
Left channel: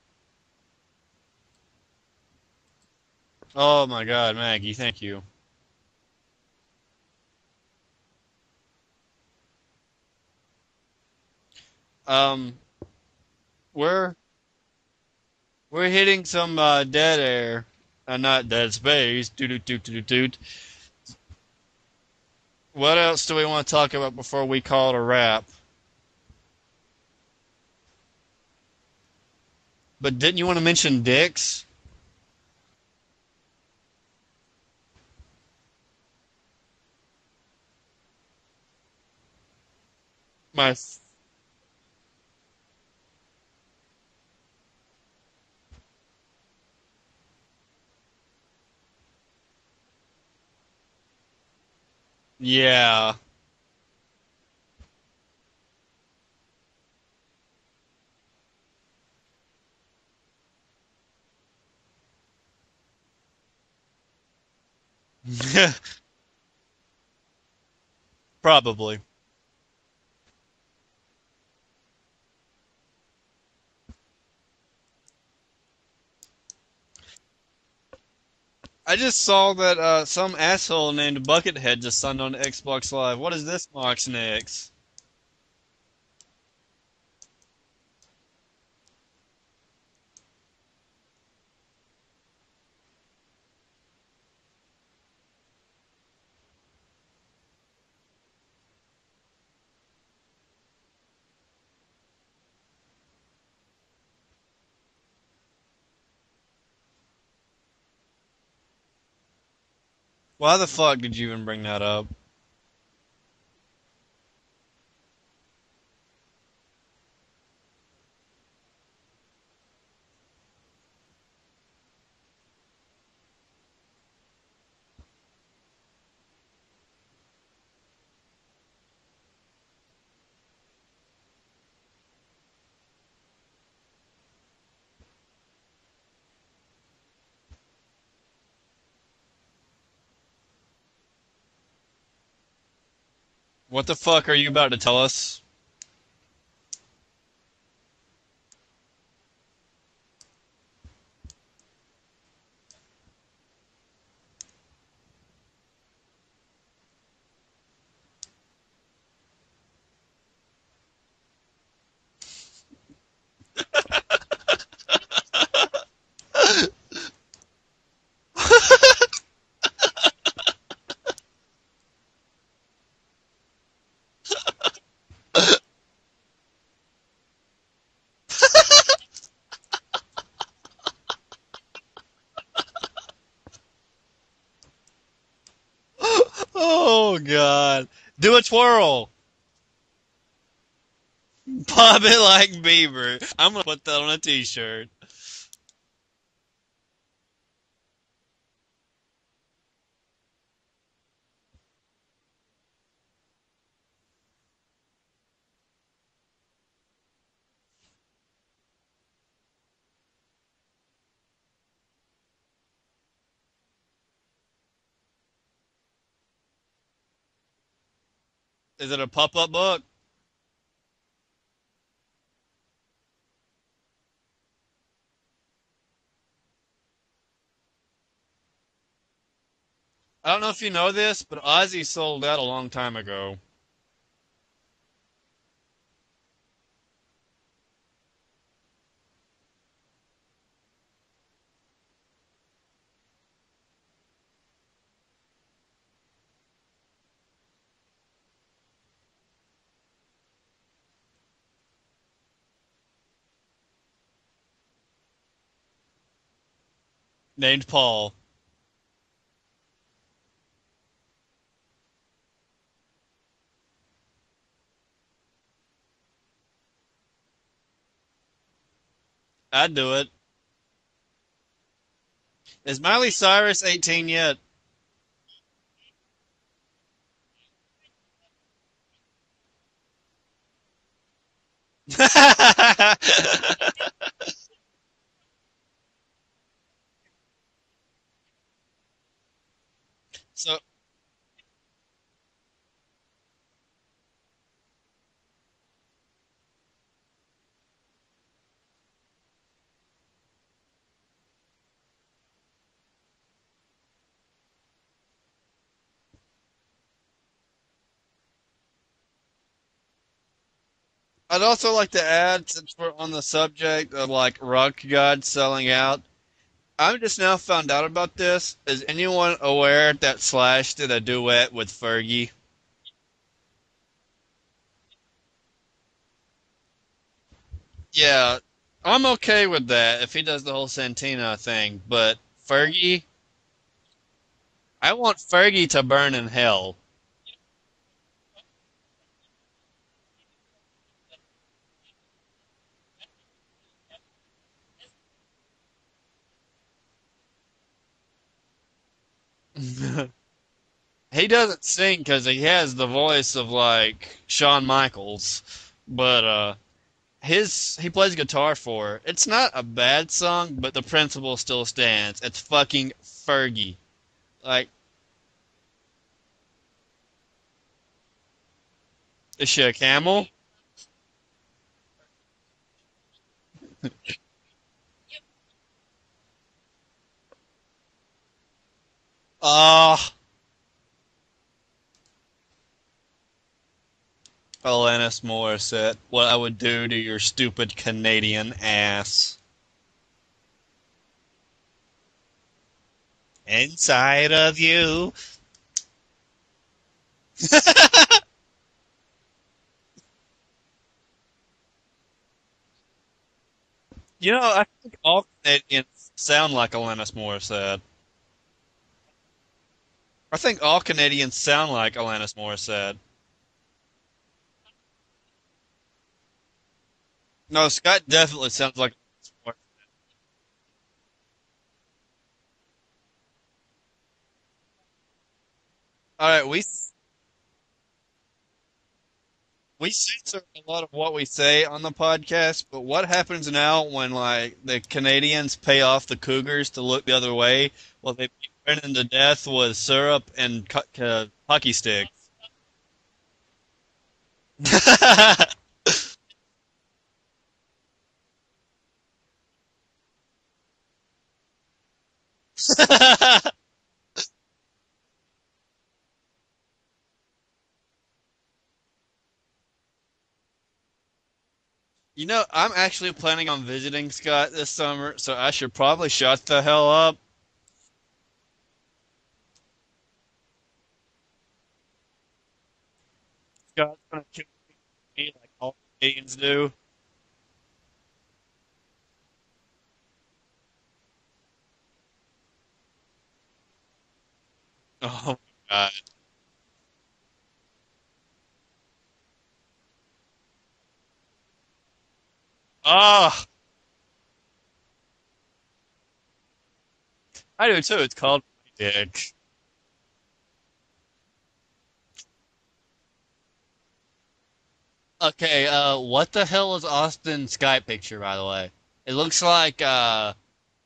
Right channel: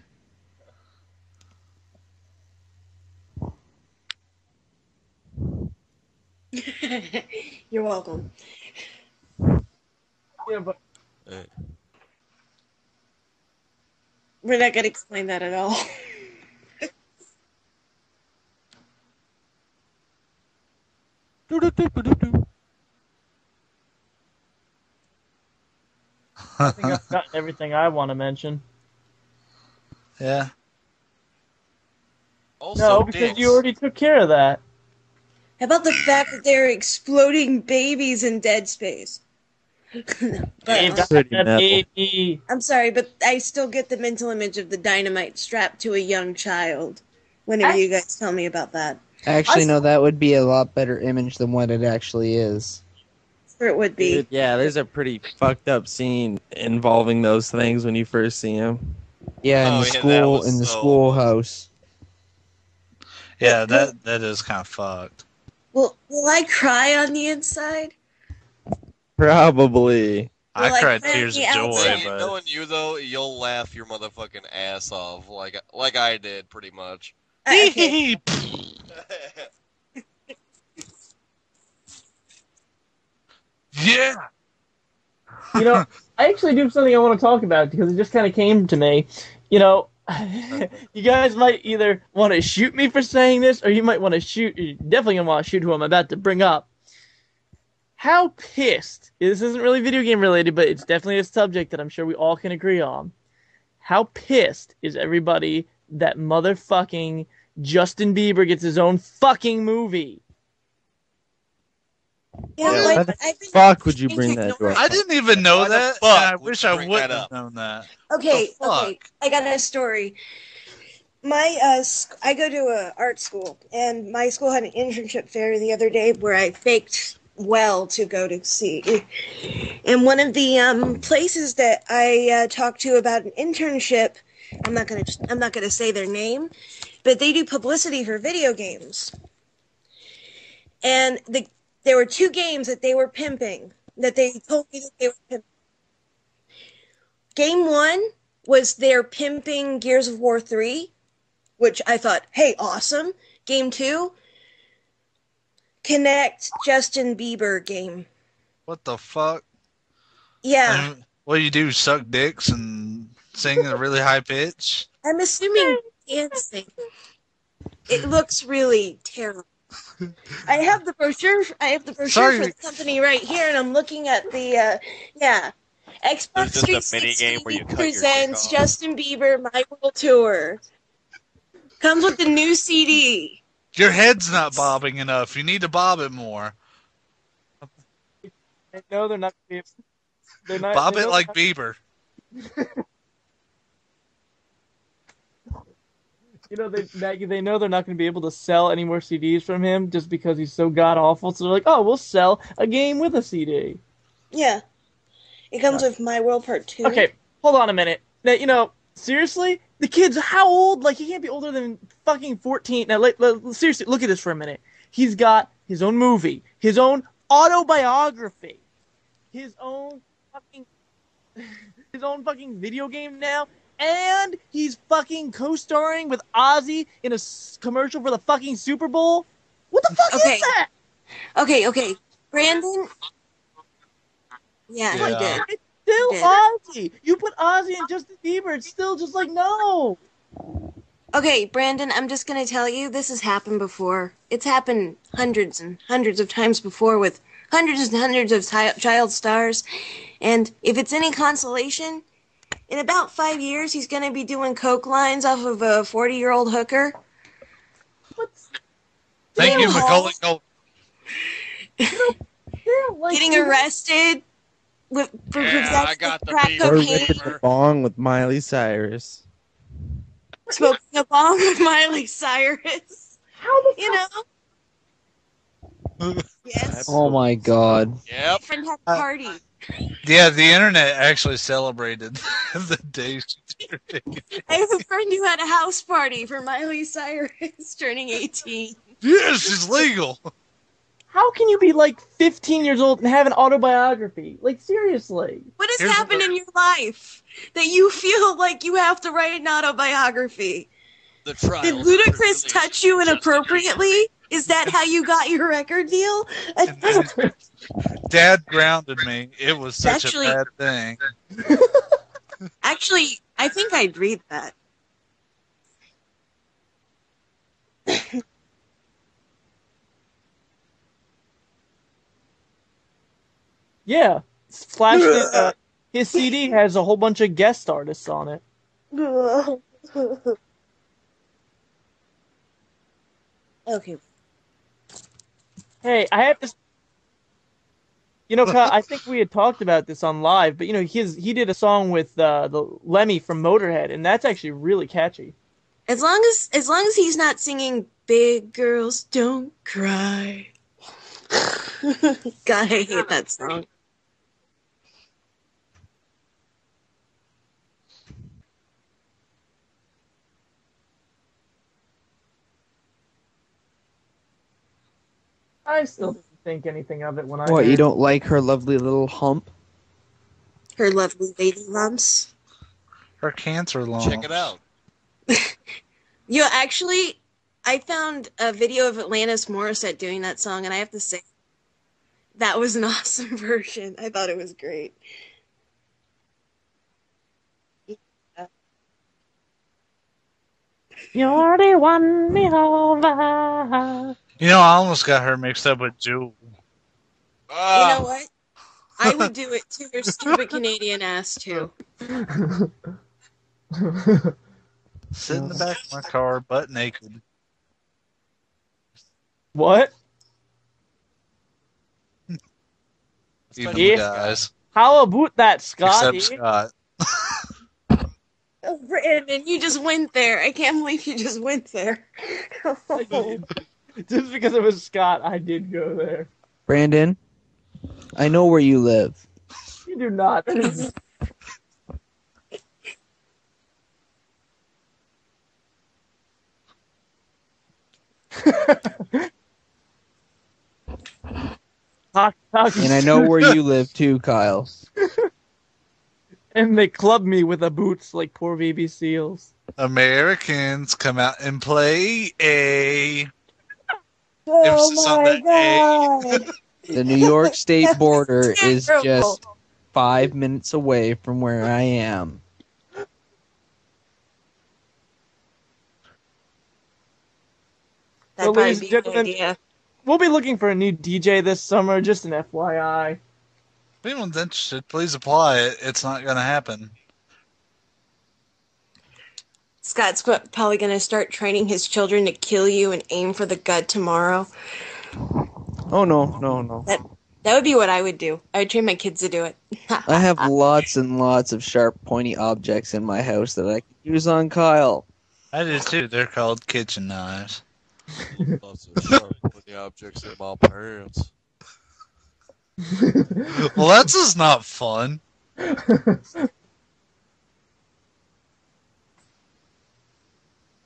Oh my God, Maggie, thank you. You're welcome. Yeah, but We're not gonna explain that at all. We're hitting some dead air, not dead space. What else do we want to talk about before we call it a wrap? I think I've got everything I want to mention. But didn't you want to mention dicks? Also, No, because you already took care of that. How about the fact that they're exploding babies in dead space? Baby. I'm sorry, but I still get the mental image of the dynamite strapped to a young child whenever you guys tell me about that. Actually, no, that would be a lot better image than what it actually is. Yeah. Sure it would be. Yeah, there's a pretty fucked up scene involving those things when you first see them. Yeah, in the schoolhouse. Yeah, that is kind of fucked. Will I cry on the inside? Probably. I cried tears of joy, but knowing you though, you'll laugh your motherfucking ass off like I did pretty much. Okay. I just saw that some asshole named Buckethead just signed on to Xbox Live. What is this box next? You know, I actually do something I want to talk about because it just kind of came to me. You know, you guys might either want to shoot me for saying this, or you might want to shoot. You're definitely gonna want to shoot who I'm about to bring up. How pissed? This isn't really video game related, but it's definitely a subject that I'm sure we all can agree on. How pissed is everybody that motherfucking Justin Bieber gets his own fucking movie? Why the fuck did you even bring that up? Yeah, why the fuck would you bring that up? I didn't even know that. And I wish I would have known that. Okay, I got a story. My I go to a art school, and my school had an internship fair the other day where I faked to go to see. And one of the places that I talked to about an internship, I'm not gonna say their name, but they do publicity for video games. And there were two games that they were pimping. What the fuck are you about to tell us? Game 1 was their pimping Gears of War 3, which I thought, hey, awesome. Game 2, Kinect Justin Bieber game. What the fuck? Yeah. What do you do? Suck dicks and sing at a really high pitch? I'm assuming it looks really terrible. I have the brochure. For the company right here, and I'm looking at the Xbox 360 presents Justin Bieber My World Tour. Comes with the new CD. Your head's not bobbing enough. You need to bob it more. Oh God! Do a twirl. No, they're not. Bob it like Bieber. Bob it like Bieber. I'm gonna put that on a T-shirt. You know, they know they're not going to be able to sell any more CDs from him just because he's so god awful. So they're like, oh, we'll sell a game with a CD. Yeah, it comes with My World Part 2. Okay, hold on a minute. Now, you know, seriously, the kid's how old? Like, he can't be older than fucking 14. Now, seriously, look at this for a minute. He's got his own movie, his own autobiography. Is it a pop-up book? His own fucking video game now. And he's fucking co-starring with Ozzy in a commercial for the fucking Super Bowl. What the fuck is that? I don't know if you know this, but Ozzy sold out a long time ago. Yeah, he did. It's still Ozzy. You put Ozzy and Justin Bieber, it's still just like, no. Okay, Brandon, I'm just going to tell you, this has happened before. It's happened hundreds and hundreds of times before with hundreds and hundreds of child stars. And if it's any consolation, in about 5 years, he's going to be doing coke lines off of a 40-year-old hooker. Named Paul. Thank you, Macaulay Culkin. Getting arrested for possessing crack Or cocaine. ripping a bong with Miley Cyrus. I'd do it. Smoking a bong with Miley Cyrus. Is Miley Cyrus 18 yet? Yes. Oh my god. Yep. Friend had a party. Yeah, the internet actually celebrated the day. I have a friend who had a house party for Miley Cyrus turning 18. Yes, it's legal. So How can you be like 15 years old and have an autobiography? Like, seriously. What has Here's happened what- in your life that you feel like you have to write an autobiography? The trials Did and Ludacris tribulations touch you of Justin inappropriately? Is that how you got your record deal? Dad grounded me. It was such Actually- a bad thing. I'd also like to add, since Actually, we're on the I subject think I'd of read like that. rock gods selling out, I just now found out about this. Is anyone aware that Slash did a duet with Fergie? Yeah. Slash did, his CD has a whole bunch of guest artists on Yeah, it. I'm okay with that if he does the whole Santina thing, but Fergie, Okay. I want Fergie to Hey, burn I in have to- hell. You know, Kyle, I think we had talked about this on live, but you know, he did a song with the Lemmy from Motorhead, and that's actually really catchy. As long as he's not singing "Big Girls Don't Cry." He doesn't sing because he God, I has the hate that voice of song. like Shawn Michaels, but he plays guitar for it. It's not a bad song, but the principle still stands. It's fucking Fergie. Like, I still didn't think anything of it when I What, you heard- don't like her lovely little hump? is she a camel? Her lovely lady lumps. Her cancer lungs. Check it out. You know, actually, I found a video of Atlantis Oh. Morissette doing that song, and I have to say, that was an awesome version. I thought it was great. Alanis Morissette, what I would do to your stupid Canadian ass. You're the one me over. Inside of You know, I almost got her mixed up with Jewel. You know what? I would do it to your stupid Canadian ass, too. You know, I think all Sitting back in Canadians my car, sound butt like naked. Alanis Morissette. What? I think all Canadians sound like Alanis Morissette. Even Yeah. the guys. How about that, Scotty? Except Scott. No, Scott definitely sounds like. Brandon, you just went there. I can't believe you just went there. Just because it was Scott, I did go there. All right, we Brandon, I know where you live. we do say not. a lot of what we say on the podcast, but what happens now when like the Canadians pay off the Cougars to look the other way? Well, they put them to death with syrup and hockey stick. And I know where you live too, Kyle. And they club me with the boots like poor baby seals. Americans come out and play a. Oh Emphasis on my the god. The New York State That was border is terrible. just 5 minutes away from where I am. You know, I'm actually planning on visiting Scott this summer, so I should probably shut the hell up. That'd Well, probably ladies be and a good gentlemen, idea. We'll be looking for a new DJ this summer, just an FYI. If anyone's interested, please apply. It's not going to happen. Scott's probably going to start training his children to kill you and aim for the gut tomorrow. Oh, God. Oh, no. That would be what I would do. I would train my kids to do it. I have lots and lots of sharp, pointy objects in my house that I can use on Kyle. I do too. They're called kitchen knives. I do too. It's called. Yeah. Put the objects in my pants. Well, that's just not fun. Okay, what the hell is Austin's Skype picture, by the way? It looks like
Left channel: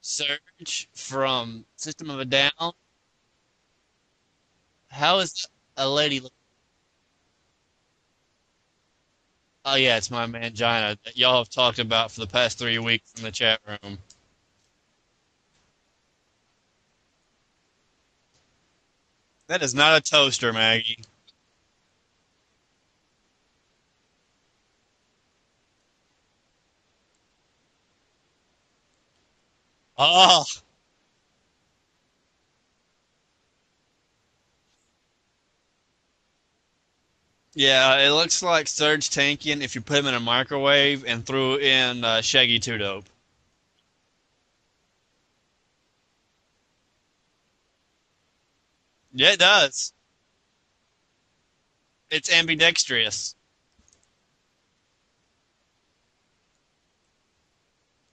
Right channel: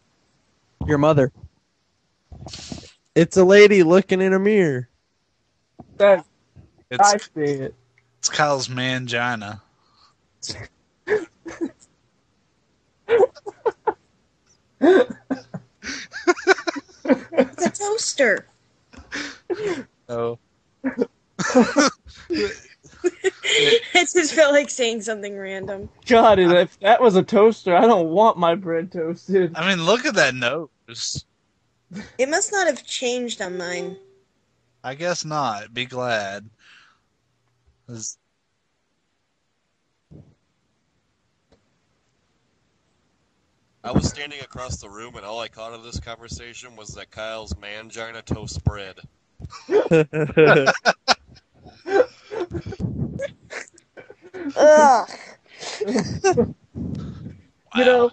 Surge Your mother. from System of a Down. It's a lady looking in a mirror. How is a lady? I It's, see it. it's Kyle's mangina. Oh yeah, it's my mangina that y'all have talked about for the past 3 weeks in the chat room. It's a toaster. That is not a toaster, Maggie. I just felt like saying something random. God, if that was a toaster, I don't want my bread toasted. I mean, look at Oh. that nose. It must not have changed on mine. I guess not. Be glad. Yeah, it looks like Surge Tankian if you put him in a microwave and threw in Shaggy Two Dope. I was standing across the room, and all I caught of this conversation was that Kyle's mangina toast bread. Yeah, it does. It's ambidextrous. Ugh. You know,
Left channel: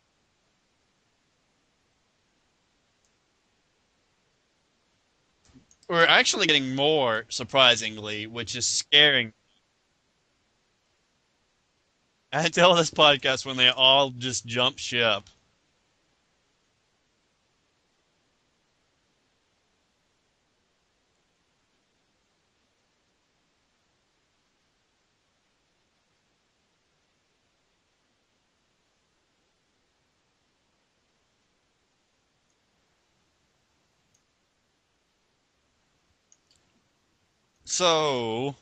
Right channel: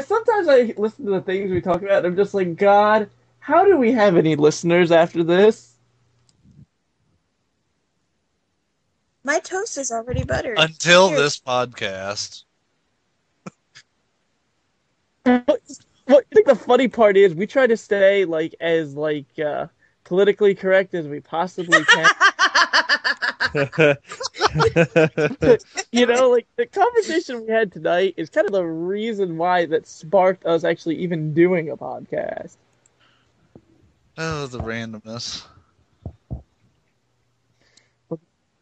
sometimes I listen to the things we talk about, and I'm just like, God, how do we have any listeners after this? We're actually getting more, surprisingly, which is scaring. My toast is already buttered. Until Cheers. this podcast. Until this podcast, when they all just jump ship. Well, I think the funny part is we try to stay like as politically correct as we possibly can. You know, like the conversation we had tonight is kind of the reason why that sparked us actually even doing a podcast. Oh, the randomness. So,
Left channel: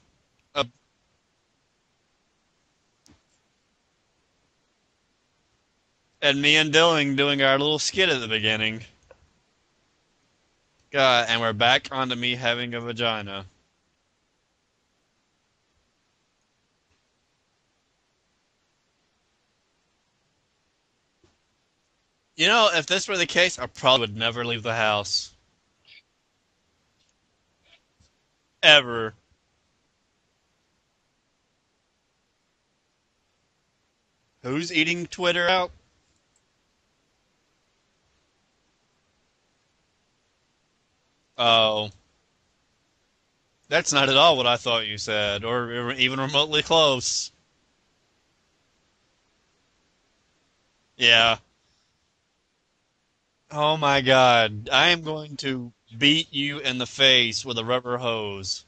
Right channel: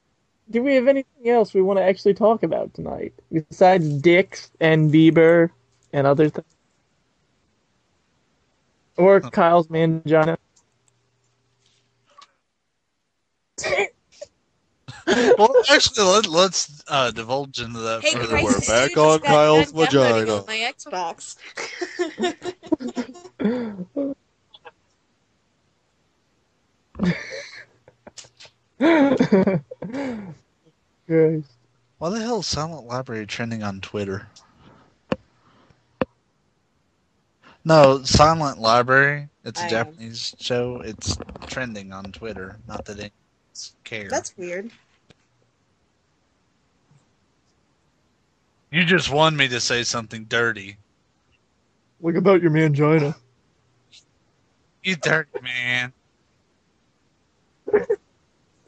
Do we have anything else we want to actually talk about tonight besides dicks and Bieber and other? And me and Dylan doing our little skit at the beginning. Or Kyle's mangina. And we're back onto me having a vagina. Well, actually, let's divulge into that Hey, further. Christ, We're as back soon as on you got Kyle's done downloading vagina. on my Xbox. You know, if this were the case, I probably would never leave the house. Ever. Christ. Why the hell is Silent Library trending on Twitter? Who's eating Twitter out? No, Silent Library. It's a I am. Japanese show. It's trending on Twitter. Not that it. That's not at That's all what I weird. thought you said, or even remotely close. You just want me to say something dirty. Yeah. Look about your mangina. Oh my god. I am Dirty going to man. beat you in the face with a rubber hose.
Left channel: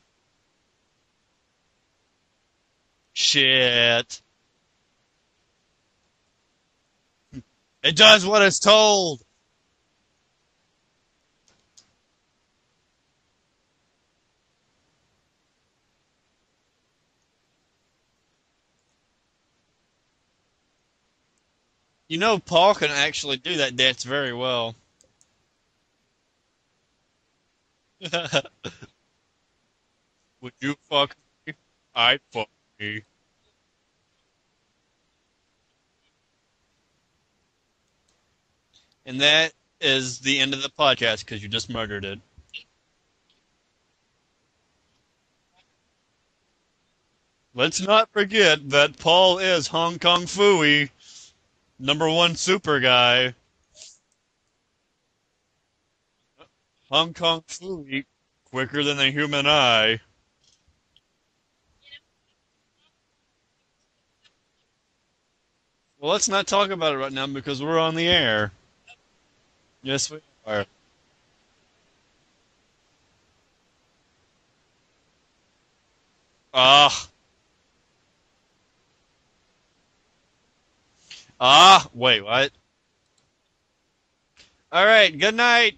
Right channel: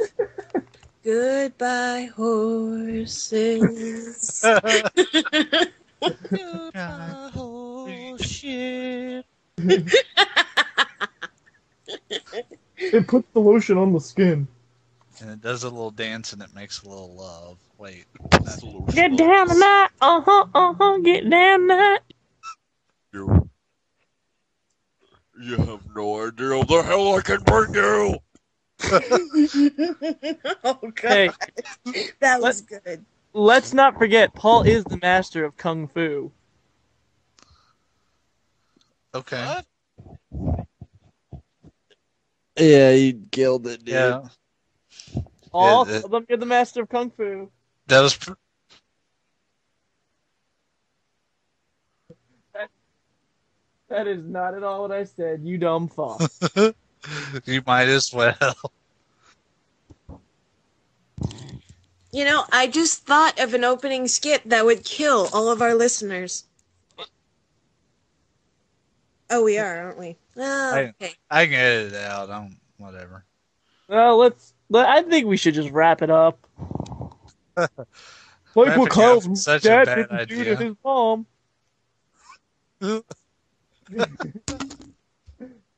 Goodbye, horse. Shit. It does what it's told. It puts the lotion on the skin. And it does a little dance and it makes a little love. Wait. Get down tonight. Get down tonight. You know, Paul can actually do that dance very well. You have no idea the hell I can bring you. Hey, That was good. let's not forget, Paul is the master of Kung Fu. And Okay. that is the end of the podcast because you just murdered it. Yeah, you killed it, dude. Yeah. Paul, Yeah, tell them you're the master of Kung Fu. Let's That not was- forget that Paul is Hong Kong Fooey, #1 super guy. That is not at all what I said, you dumb fuck. Hong Kong You Fooey, might as well. quicker than the human eye. You know, I just thought of an opening skit that would kill all of our listeners. Well, let's not talk about it right now because we're on the air. Oh, we are, aren't Yes, we? we Oh, are. okay. I can edit it out. Whatever. Well, I think we should just wrap it up. Ah, Like Wrapping what up Kyle's is such a dad bad didn't do idea. to his mom. wait, what? All right, good night.